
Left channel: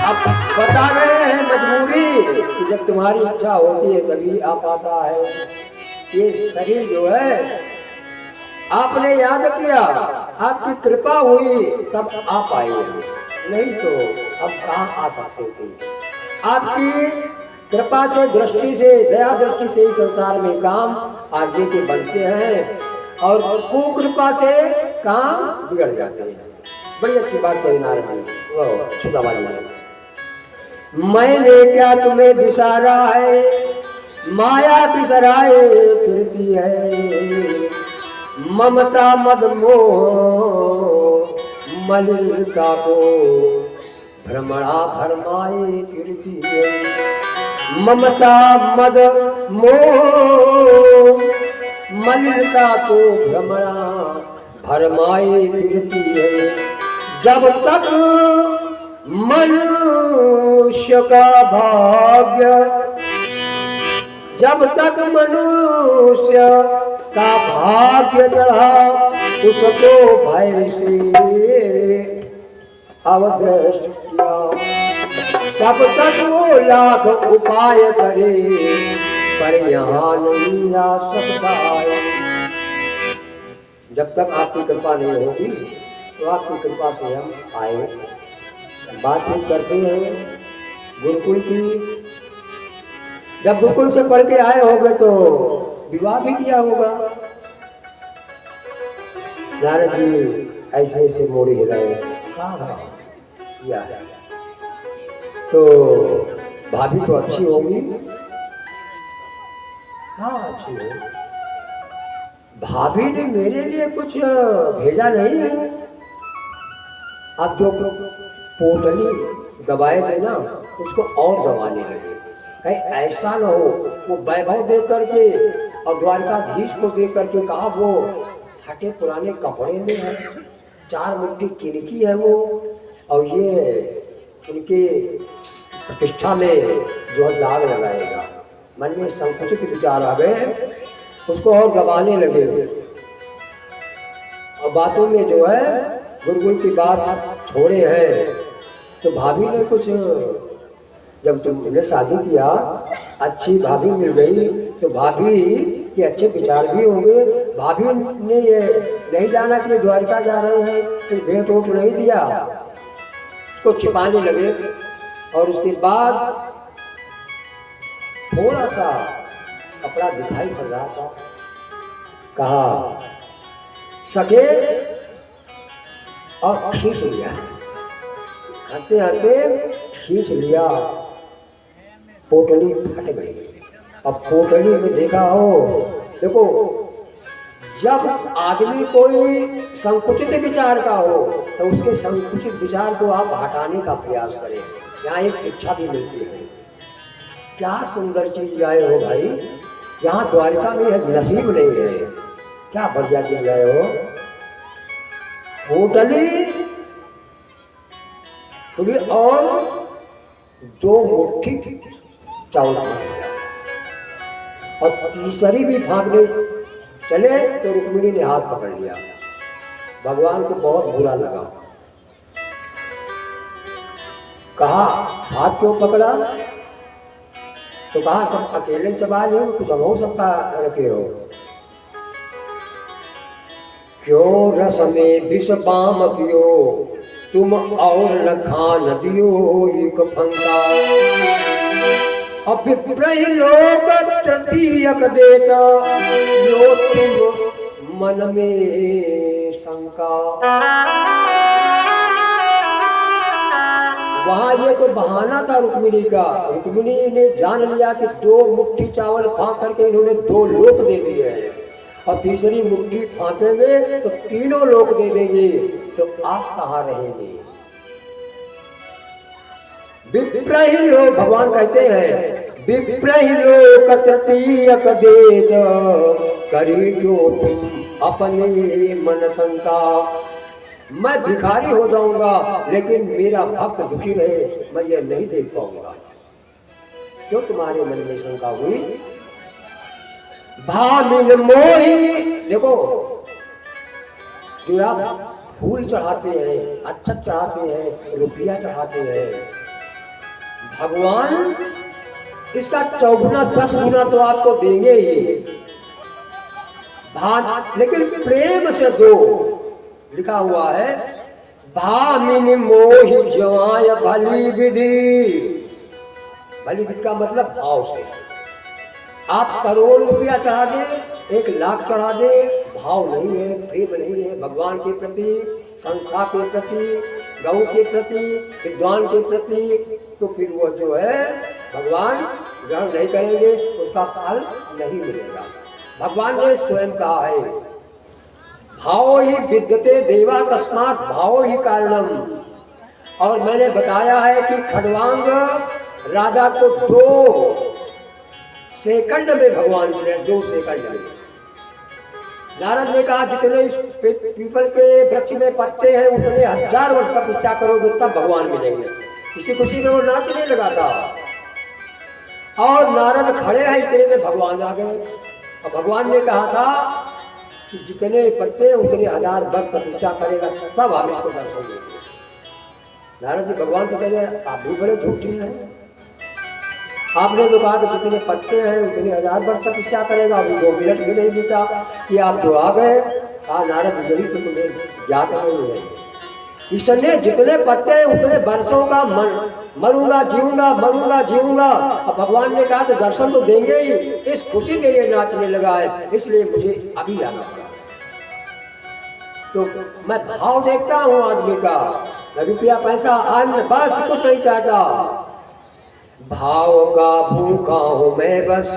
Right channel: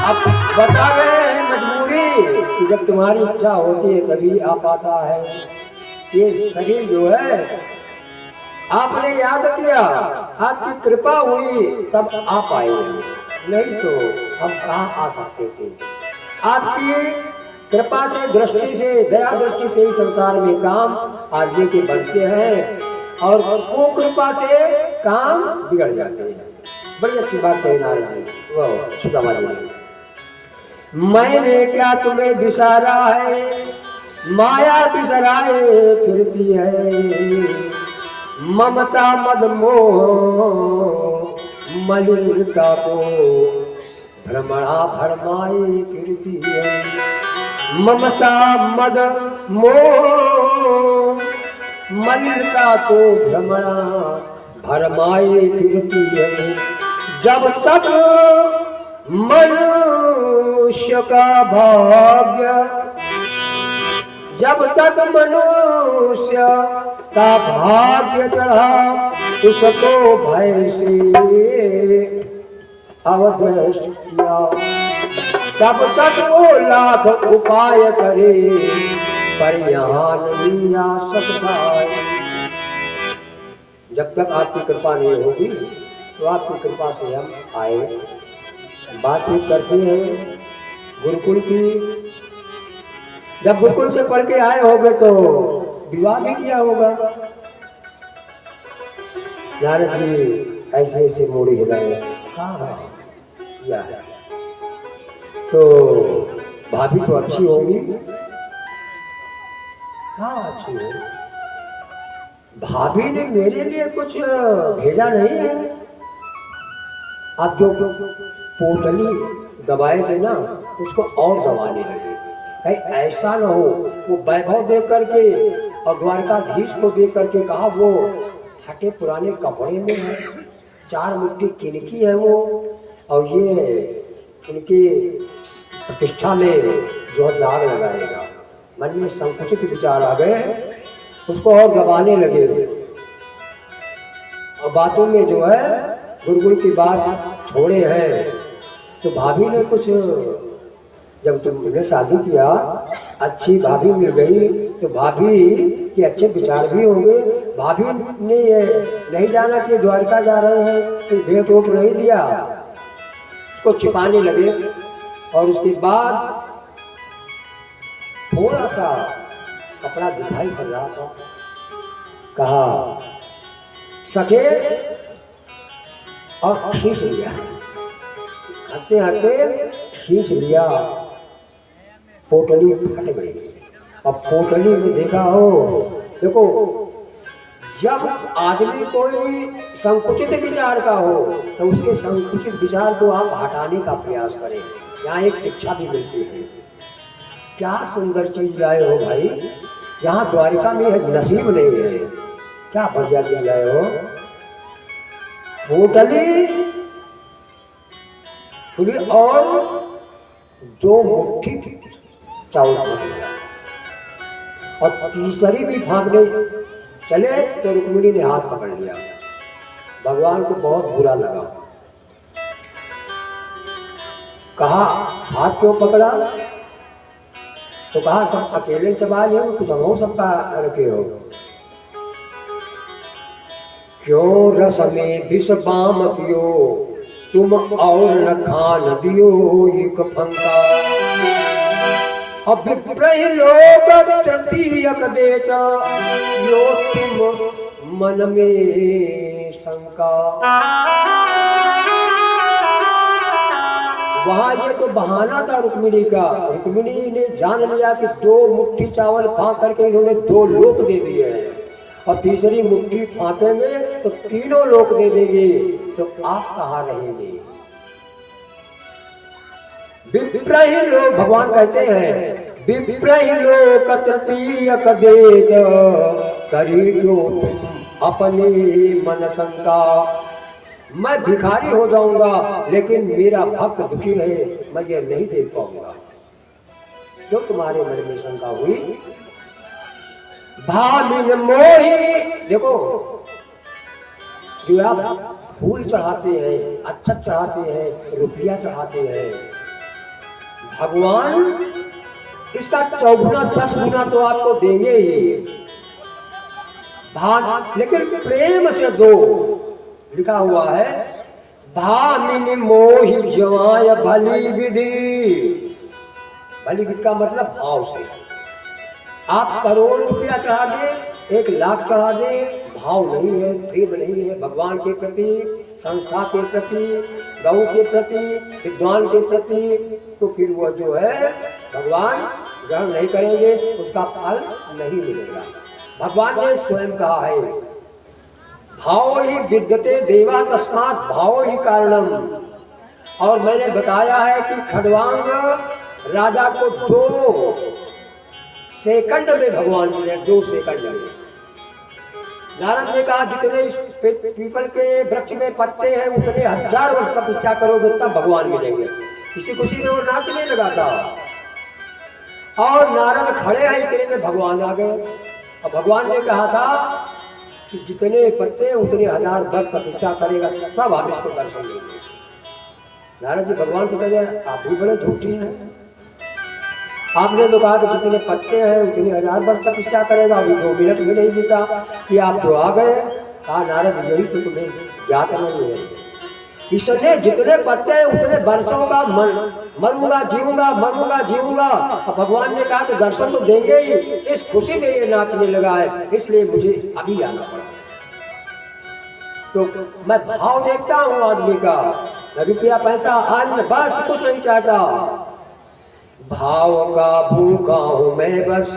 अब बता रहे हैं मजबूरी कि जब तुम्हारी इच्छा होती है तभी आ पाता है। ये शरीर जो है आपने याद किया, आपकी कृपा हुई तब आ पाएंगे, नहीं तो हम कहाँ आ सकते थे। आपकी कृपा से, दृष्टि से, दया दृष्टि से ही संसार में काम आगे के बढ़ते हैं और कुकृपा से काम बिगड़ जाते हैं। बड़ी अच्छी बात कही नारद जी, वो सुदामा जी ने। मैंने क्या तुम्हें बिसारा है, माया बिसराए फिरती है, ममता मद मोह मलिनता को भ्रमणा भरमाए फिरती है। ममता मद मोह मलिनता को भ्रमणा भरमाए फिरती है। जब तक मनुष्य का भाग्य, जब तक मनुष्य का भाग्य चढ़ा, उसको भय से अवदृष्ट किया, तब तक वो लाख उपाय करे पर यहाँ नहीं आ सकता। जब तक आपकी कृपा नहीं होगी तो आपकी कृपा से हम आए, बातचीत करते हैं गुरुकुल की। जब गुरुकुल से पढ़ के आए होंगे तो विवाह भी किया होगा। नारद जी ऐसे ऐसे मोड़ी हिलाए, हाँ किया है। तो भाभी तो अच्छी होगी, हाँ अच्छी है। भाभी ने मेरे लिए कुछ भेजा नहीं है। अब जो पोटली दबाए थे ना उसको और दबाने लगे, कहीं ऐसा न हो वो वैभव देख करके और द्वारकाधीश को देख करके कहा वो फटे पुराने कपड़े में है, 4 मुट्ठी किनकी है वो, और ये उनकी प्रतिष्ठा में जो दाग लगाएगा। मन में संकुचित विचार आ गए, उसको और दबाने लगे। और बातों में जो है गुरुकुल की बात छोड़े हैं। तो भाभी ने कुछ, जब तुमने शादी किया अच्छी भाभी मिल गई तो भाभी के अच्छे विचार भी होंगे। भाभी ने ये नहीं जाना कि द्वारका जा रहे हैं तो भेंट वोट नहीं दिया, उसको छिपाने लगे। और उसके बाद थोड़ा सा कपड़ा दिखाई पड़ रहा था, कहा सके और खींच लिया, हंसते हंसते खींच लिया, पोटली फट गई। अब पोटली में देखा हो, देखो जब आदमी कोई संकुचित विचार का हो तो उसके संकुचित विचार को आप हटाने का प्रयास करें। यहाँ एक शिक्षा भी मिलती है। क्या सुंदर चीज लाए हो भाई, यहाँ द्वारिका में नसीब नहीं है, क्या बढ़िया चीज लाए हो। पोटली खुली और 2 मुट्ठी चावल खा लिया और तीसरी भी भागने चले तो रुक्मिणी ने हाथ पकड़ लिया। भगवान को बहुत बुरा लगा, कहा हाथ क्यों पकड़ा, तो कहा सब अकेले चबा ले, कुछ हो सकता रखे हो। क्यों रस में विष पाम पियो, तुम और न खान दियो एक फंका। अब विप्रह लोग तृतीयक देता, यो तुम मन में शंका। वहाँ ये तो बहाना था रुक्मिणी का। रुक्मिणी ने जान लिया कि 2 मुट्ठी चावल फाँक करके इन्होंने 2 लोक दे दिए हैं और तीसरी मुट्ठी फाँकेंगे तो 3 लोक दे देंगे, तो आप कहाँ रहेंगे। विप्रह लोग, भगवान कहते हैं विप्रह लोग तृतीयक देत, करी जो तुम अपने मन शंका। मैं भिखारी हो जाऊंगा लेकिन मेरा भक्त दुखी रहे, मैं ये नहीं देख पाऊंगा। क्यों तुम्हारे मन में शंका हुई? भामिन मोही, देखो जो आप फूल चढ़ाते हैं, अक्षत चढ़ाते हैं, रुपया चढ़ाते हैं, भगवान इसका 4 10 गुना तो आपको देंगे ही। लेकिन प्रेम से दो, लिखा हुआ है भामिनी मोहि ज्वाय भली विधि। भली विधि का मतलब भाव से। आप करोड़ रुपया चढ़ा दे, 1 लाख चढ़ा दे, भाव नहीं है, प्रेम नहीं है भगवान के प्रति, संस्था के प्रति, गौ के प्रति, विद्वान के प्रति, तो फिर वो जो है भगवान ग्रहण नहीं करेंगे, उसका फल नहीं मिलेगा। भगवान ने स्वयं कहा है भाव ही विद्यते देवा तस्मात् भाव ही कारणम। और मैंने बताया है कि खड़वांग राजा को 2 सेकंड में भगवान मिले, 2 सेकंड में। नारद ने कहा जितने पीपल के वृक्ष में पत्ते हैं उतने 1000 वर्ष तपस्या करोगे तब भगवान मिलेंगे। किसी खुशी में वो नाचने लगा था और नारद खड़े हैं, इतने में भगवान आ गए। और भगवान ने कहा था कि जितने पत्ते उतने 1000 वर्ष तपस्या करेगा तब हम इसको दर्शन देंगे। नारद जी भगवान से कह रहे आप भी बड़े झूठी हैं, आपने तो कहा कि जितने पत्ते हैं उतने 1000 वर्ष तपस्या करेगा, अभी 2 मिनट भी नहीं बीता कि आप तो आ गए। नारद यही तो तुम्हें ज्ञात नहीं है, इसलिए जितने पत्ते हैं उतने वर्षों का मरूंगा जीऊंगा, मरूंगा जीऊंगा। अब भगवान ने कहा कि दर्शन तो देंगे ही, इस खुशी में ये नाचने लगा है, इसलिए मुझे अभी आना पड़ा। तो मैं भाव देखता हूँ आदमी का, मैं रुपया पैसा अन्य बस कुछ नहीं चाहता। भाव का भूखा हूँ मैं बस,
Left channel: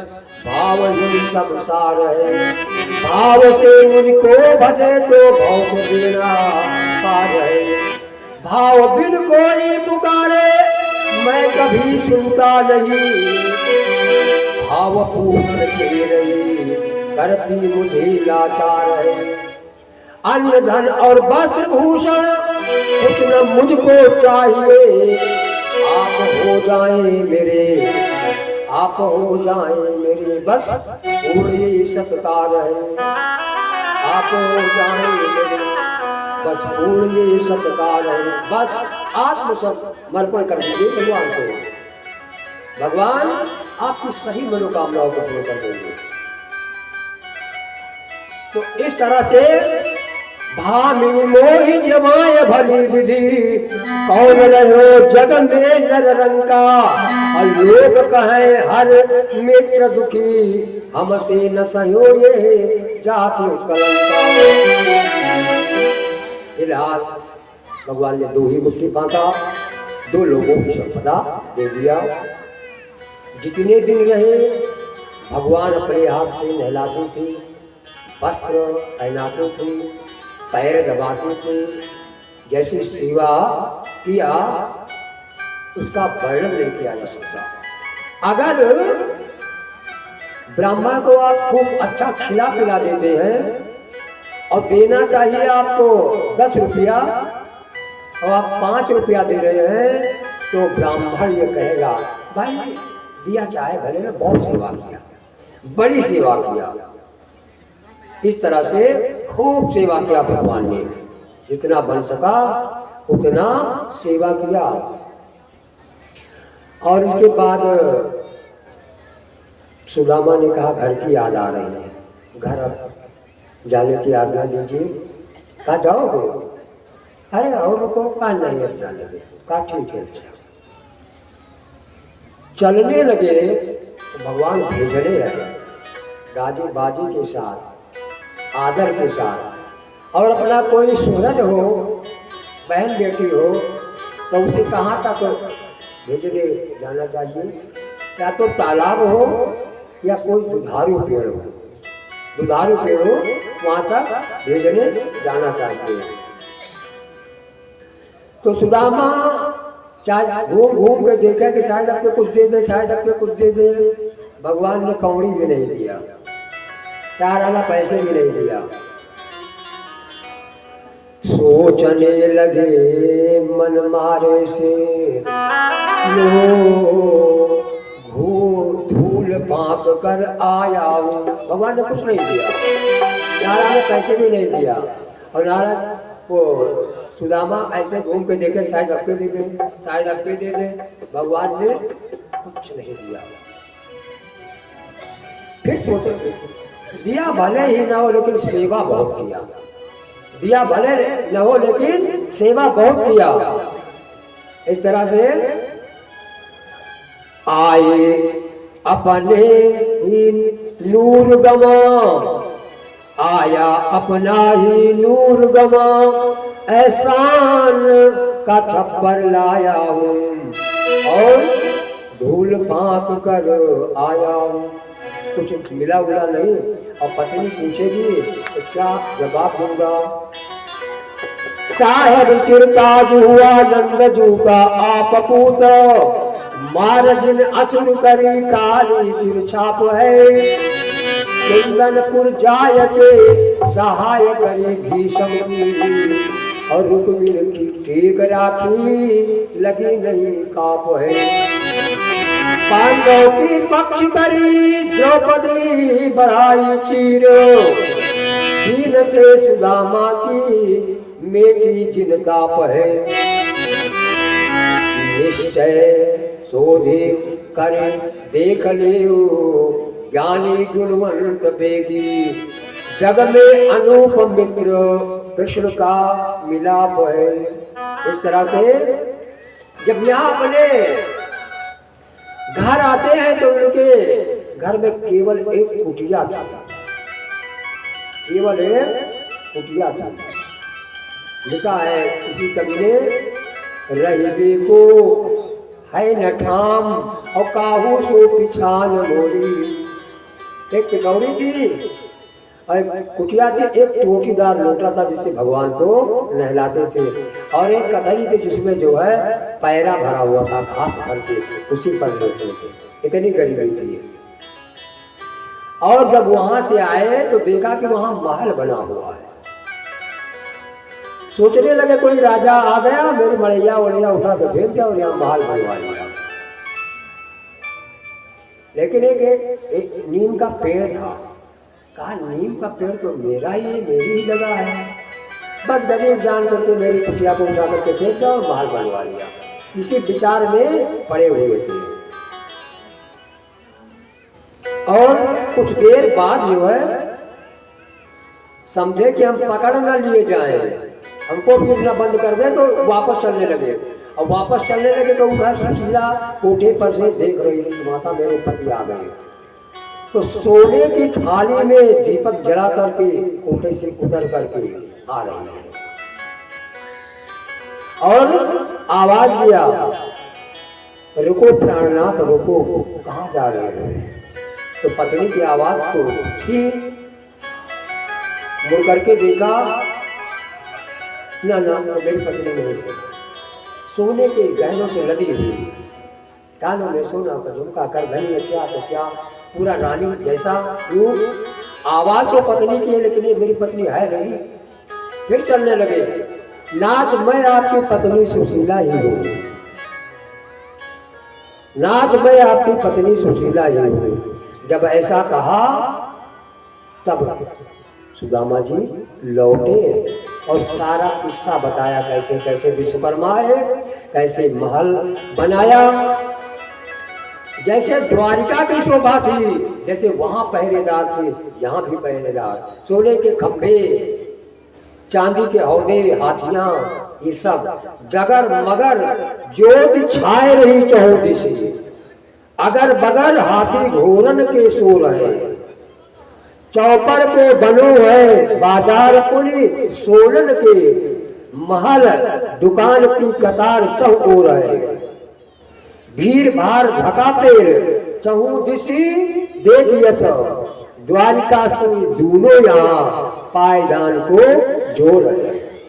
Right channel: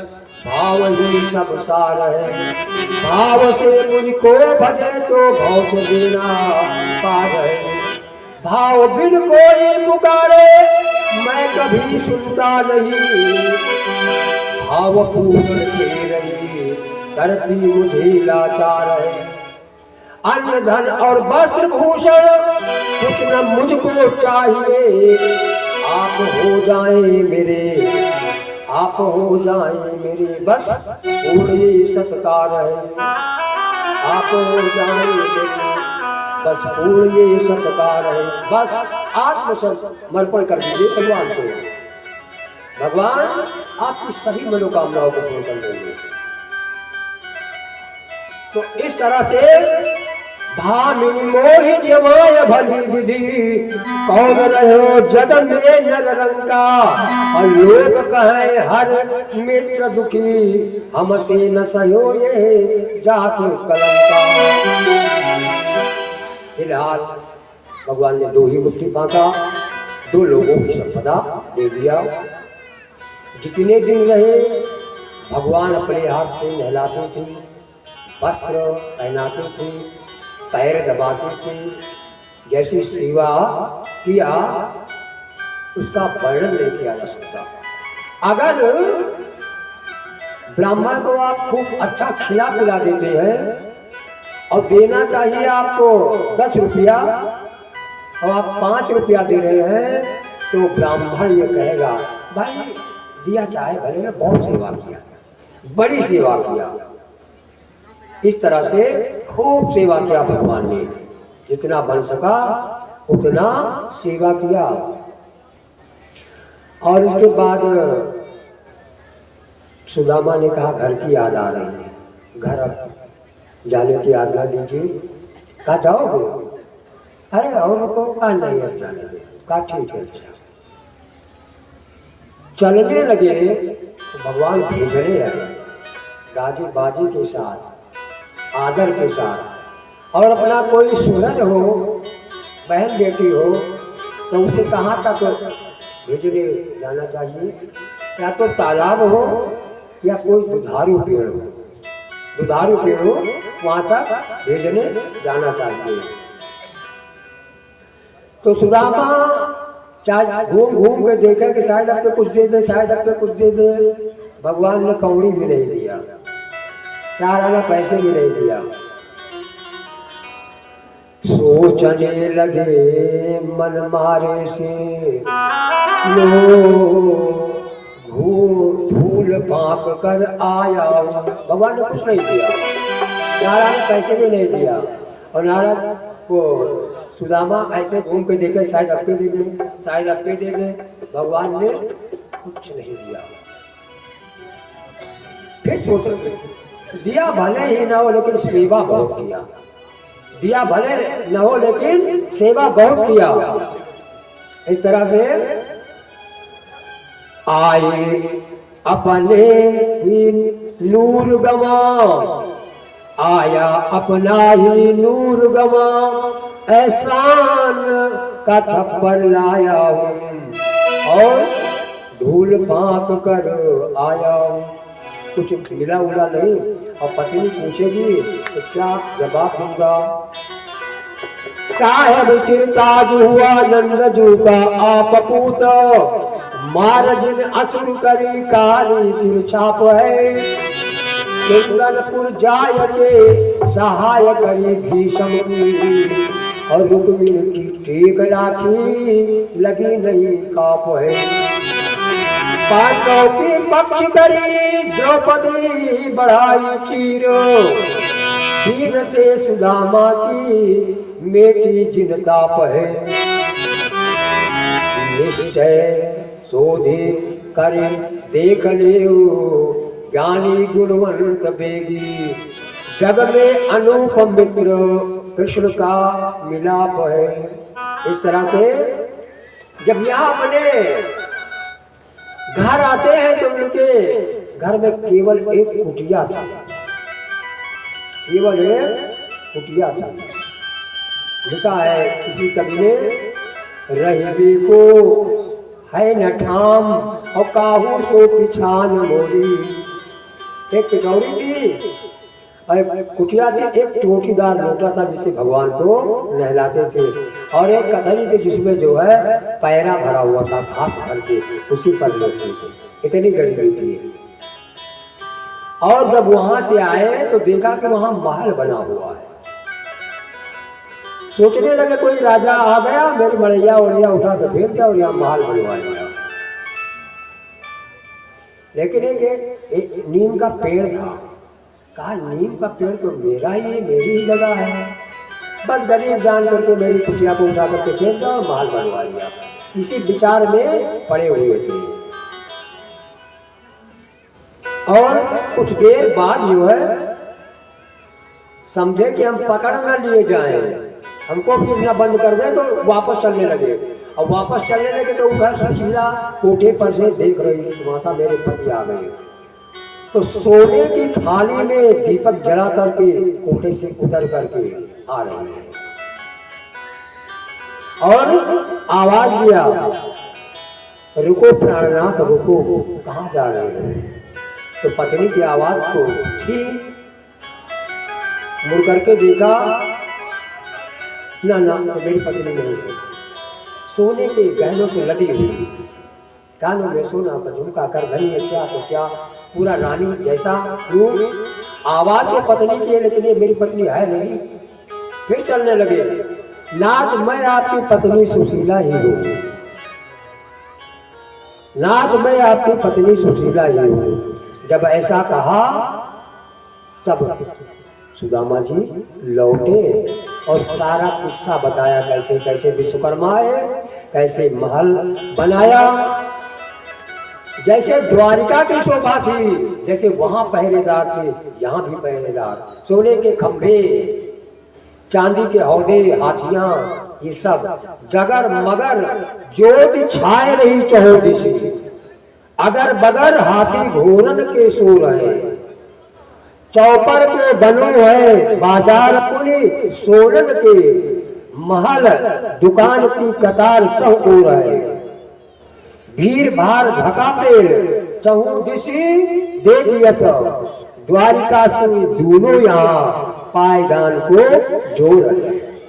भाव ही सब सार है। भाव से मुझको भजे तो भाव से देना पार है। भाव बिन कोई पुकारे मैं कभी सुनता नहीं। भाव पूर्ण के रही करती मुझे लाचार है। अन्न धन और वस्त्र भूषण कुछ न मुझको चाहिए। आप हो जाए मेरे, आप हो जाए मेरे बस पूरे सत्कार है। आप हो जाए मेरे बस पूरे सत्कार है। बस आत्मसमर्पण कर दीजिए भगवान को, भगवान आपकी सभी मनोकामनाओं को पूर्ण कर देंगे। तो इस तरह से भामिनी मोहि जमाय भली विधि, कौन रहो जग में नर रंका। और लोग कहे हर मित्र दुखी, हमसे न सहो ये जाति कलंका। फिलहाल भगवान ने 2 ही मुट्ठी बांधा, 2 लोगों की संपदा दे दिया। जितने दिन रहे भगवान अपने हाथ से नहलाते थे, वस्त्र पहनाते थे, पैर दबाते थे, जैसी सेवा किया उसका वर्णन नहीं किया जा सकता। अगर ब्राह्मण को आप खूब अच्छा खिला पिला देते हैं और देना चाहिए आपको 10 रुपया और आप 5 रुपया दे रहे हैं, तो ब्राह्मण ये कहेगा भाई दिया चाहे भले ने बहुत सेवा किया, बड़ी सेवा किया। इस तरह से खूब सेवा किया भगवान ने, जितना बन सका उतना सेवा किया। और इसके बाद सुदामा ने कहा घर की याद आ रही है, घर जाने की आज्ञा दीजिए। कहा जाओगे? अरे और को कहा नहीं अब जाने दे। कहा ठीक है। अच्छा चलने लगे तो भगवान भेजने लगे गाजी बाजी के साथ, आदर के साथ। और अपना कोई सूरज हो, बहन बेटी हो, तो उसे कहाँ तक भेजने जाना चाहिए? या तो तालाब हो या कोई दुधारू पेड़ हो, दुधारू पेड़ हो वहाँ तक भेजने जाना चाहिए। तो सुदामा चाहे घूम घूम के देखे कि शायद आपको कुछ दे दे, शायद आपको कुछ दे दे। भगवान ने कौड़ी भी नहीं दिया, 4 आना पैसे भी नहीं दिया। सोचने लगे मन मारे से लो धूल फाँक कर आया हूँ। भगवान ने कुछ नहीं दिया, नारायण ने पैसे भी नहीं दिया, और नारायण वो सुदामा ऐसे घूम के देखे, शायद आपके दे दे, शायद आपके दे दे, भगवान ने कुछ नहीं दिया। फिर सोचे दिया भले ही ना हो लेकिन सेवा बहुत किया, दिया भले न हो लेकिन सेवा बहुत किया। इस तरह से आए अपने ही नूर गवा, आया अपना ही नूर गवा, एहसान का छप्पर लाया हूँ और धूल फाँक कर आया हूँ। कुछ मिला उला नहीं, और पत्नी पूछेगी तो क्या जवाब दूंगा। साहेब सिरताज हुआ नंदजू का आप पूत, मार जिन असुर करी काली सिर छाप है, कुंदनपुर जाय के सहाय करी भीषम की, और रुक्मिणी की टेक राखी लगी नहीं काप है। पांडव की पक्ष करी द्रौपदी बढ़ाई चीर, दीन से सुदामा की मेटी जिन ताप है। निश्चय शोधे करे देख ले ज्ञानी गुणवंत बेगी, जग में अनुपम मित्र कृष्ण का मिलाप है। इस तरह से जब यहाँ अपने घर आते हैं तो उनके घर में केवल एक कुटिया था, केवल एक कुटिया था। लिखा है किसी कवि ने, रही को है न ठाम और काहू सो पिछान मोरी। एक पिछौड़ी थी और कुटिया थी, एक टोटीदार लोटा था जिससे भगवान को नहलाते थे, और एक कथरी थी जिसमें जो है पैरा भरा हुआ था घास भर के, उसी पर लेते थे। इतनी गरीबी थी। और जब वहां से आए तो देखा कि वहां महल बना हुआ है। सोचने लगे कोई राजा आ गया, मेरी मड़ैया वड़ैया उठा के फेंक दिया और यहाँ महल बनवा लिया। लेकिन एक नीम का पेड़ था, कहा नीम का पेड़ तो मेरा ही, मेरी ही जगह है, बस गरीब जान करके मेरी कुटिया को उठा करके फेंक दिया और महल बनवा लिया। इसी विचार में पड़े हुए थे। और कुछ देर बाद जो है समझे कि हम पकड़ न लिए जाएं, हमको फिर न बंद कर दे, तो वापस चलने लगे। और वापस चलने लगे तो उधर सुशीला कोठे पर से देख रही थी तमाशा, मेरे पति आ गए। तो सोने की थाली में दीपक जला करके कोठे से उतर करके आ रही है और आवाज दिया, रुको प्राणनाथ रुको, कहाँ जा रहे हो। तो पत्नी की आवाज तो थी, मुड़ करके देखा, ना मेरी पत्नी नहीं, सोने के गहनों से लदी हुई, कानों में सोना का झुमका, कर धनी है क्या तो क्या, पूरा रानी जैसा रूप। आवाज तो पत्नी की है लेकिन ये मेरी पत्नी है नहीं। फिर चलने लगे, नाथ मैं आपकी पत्नी सुशीला ही हूँ, नाथ मैं आपकी पत्नी सुशीला ही हूँ। जब ऐसा कहा तब सुदामा जी लौटे और सारा किस्सा बताया, कैसे कैसे विश्वकर्मा है, कैसे महल बनाया, जैसे द्वारिका की शोभा थी, जैसे वहां पहरेदार थे यहाँ भी पहरेदार, सोने के खंभे, चांदी के हौदे, हाथियां, ये सब जगर मगर ज्योति छाए रही चहुदिशे, अगर बगर हाथी घोरन के सो रहे, चौपर को बनो है बाजार पुनी, सोलन के महल दुकान की कतार चौको रहे, भीड़ भार ढका पेड़ चहुदिशी देखियत, द्वारिका से दूनो यहाँ पायदान को जोड़ रहे।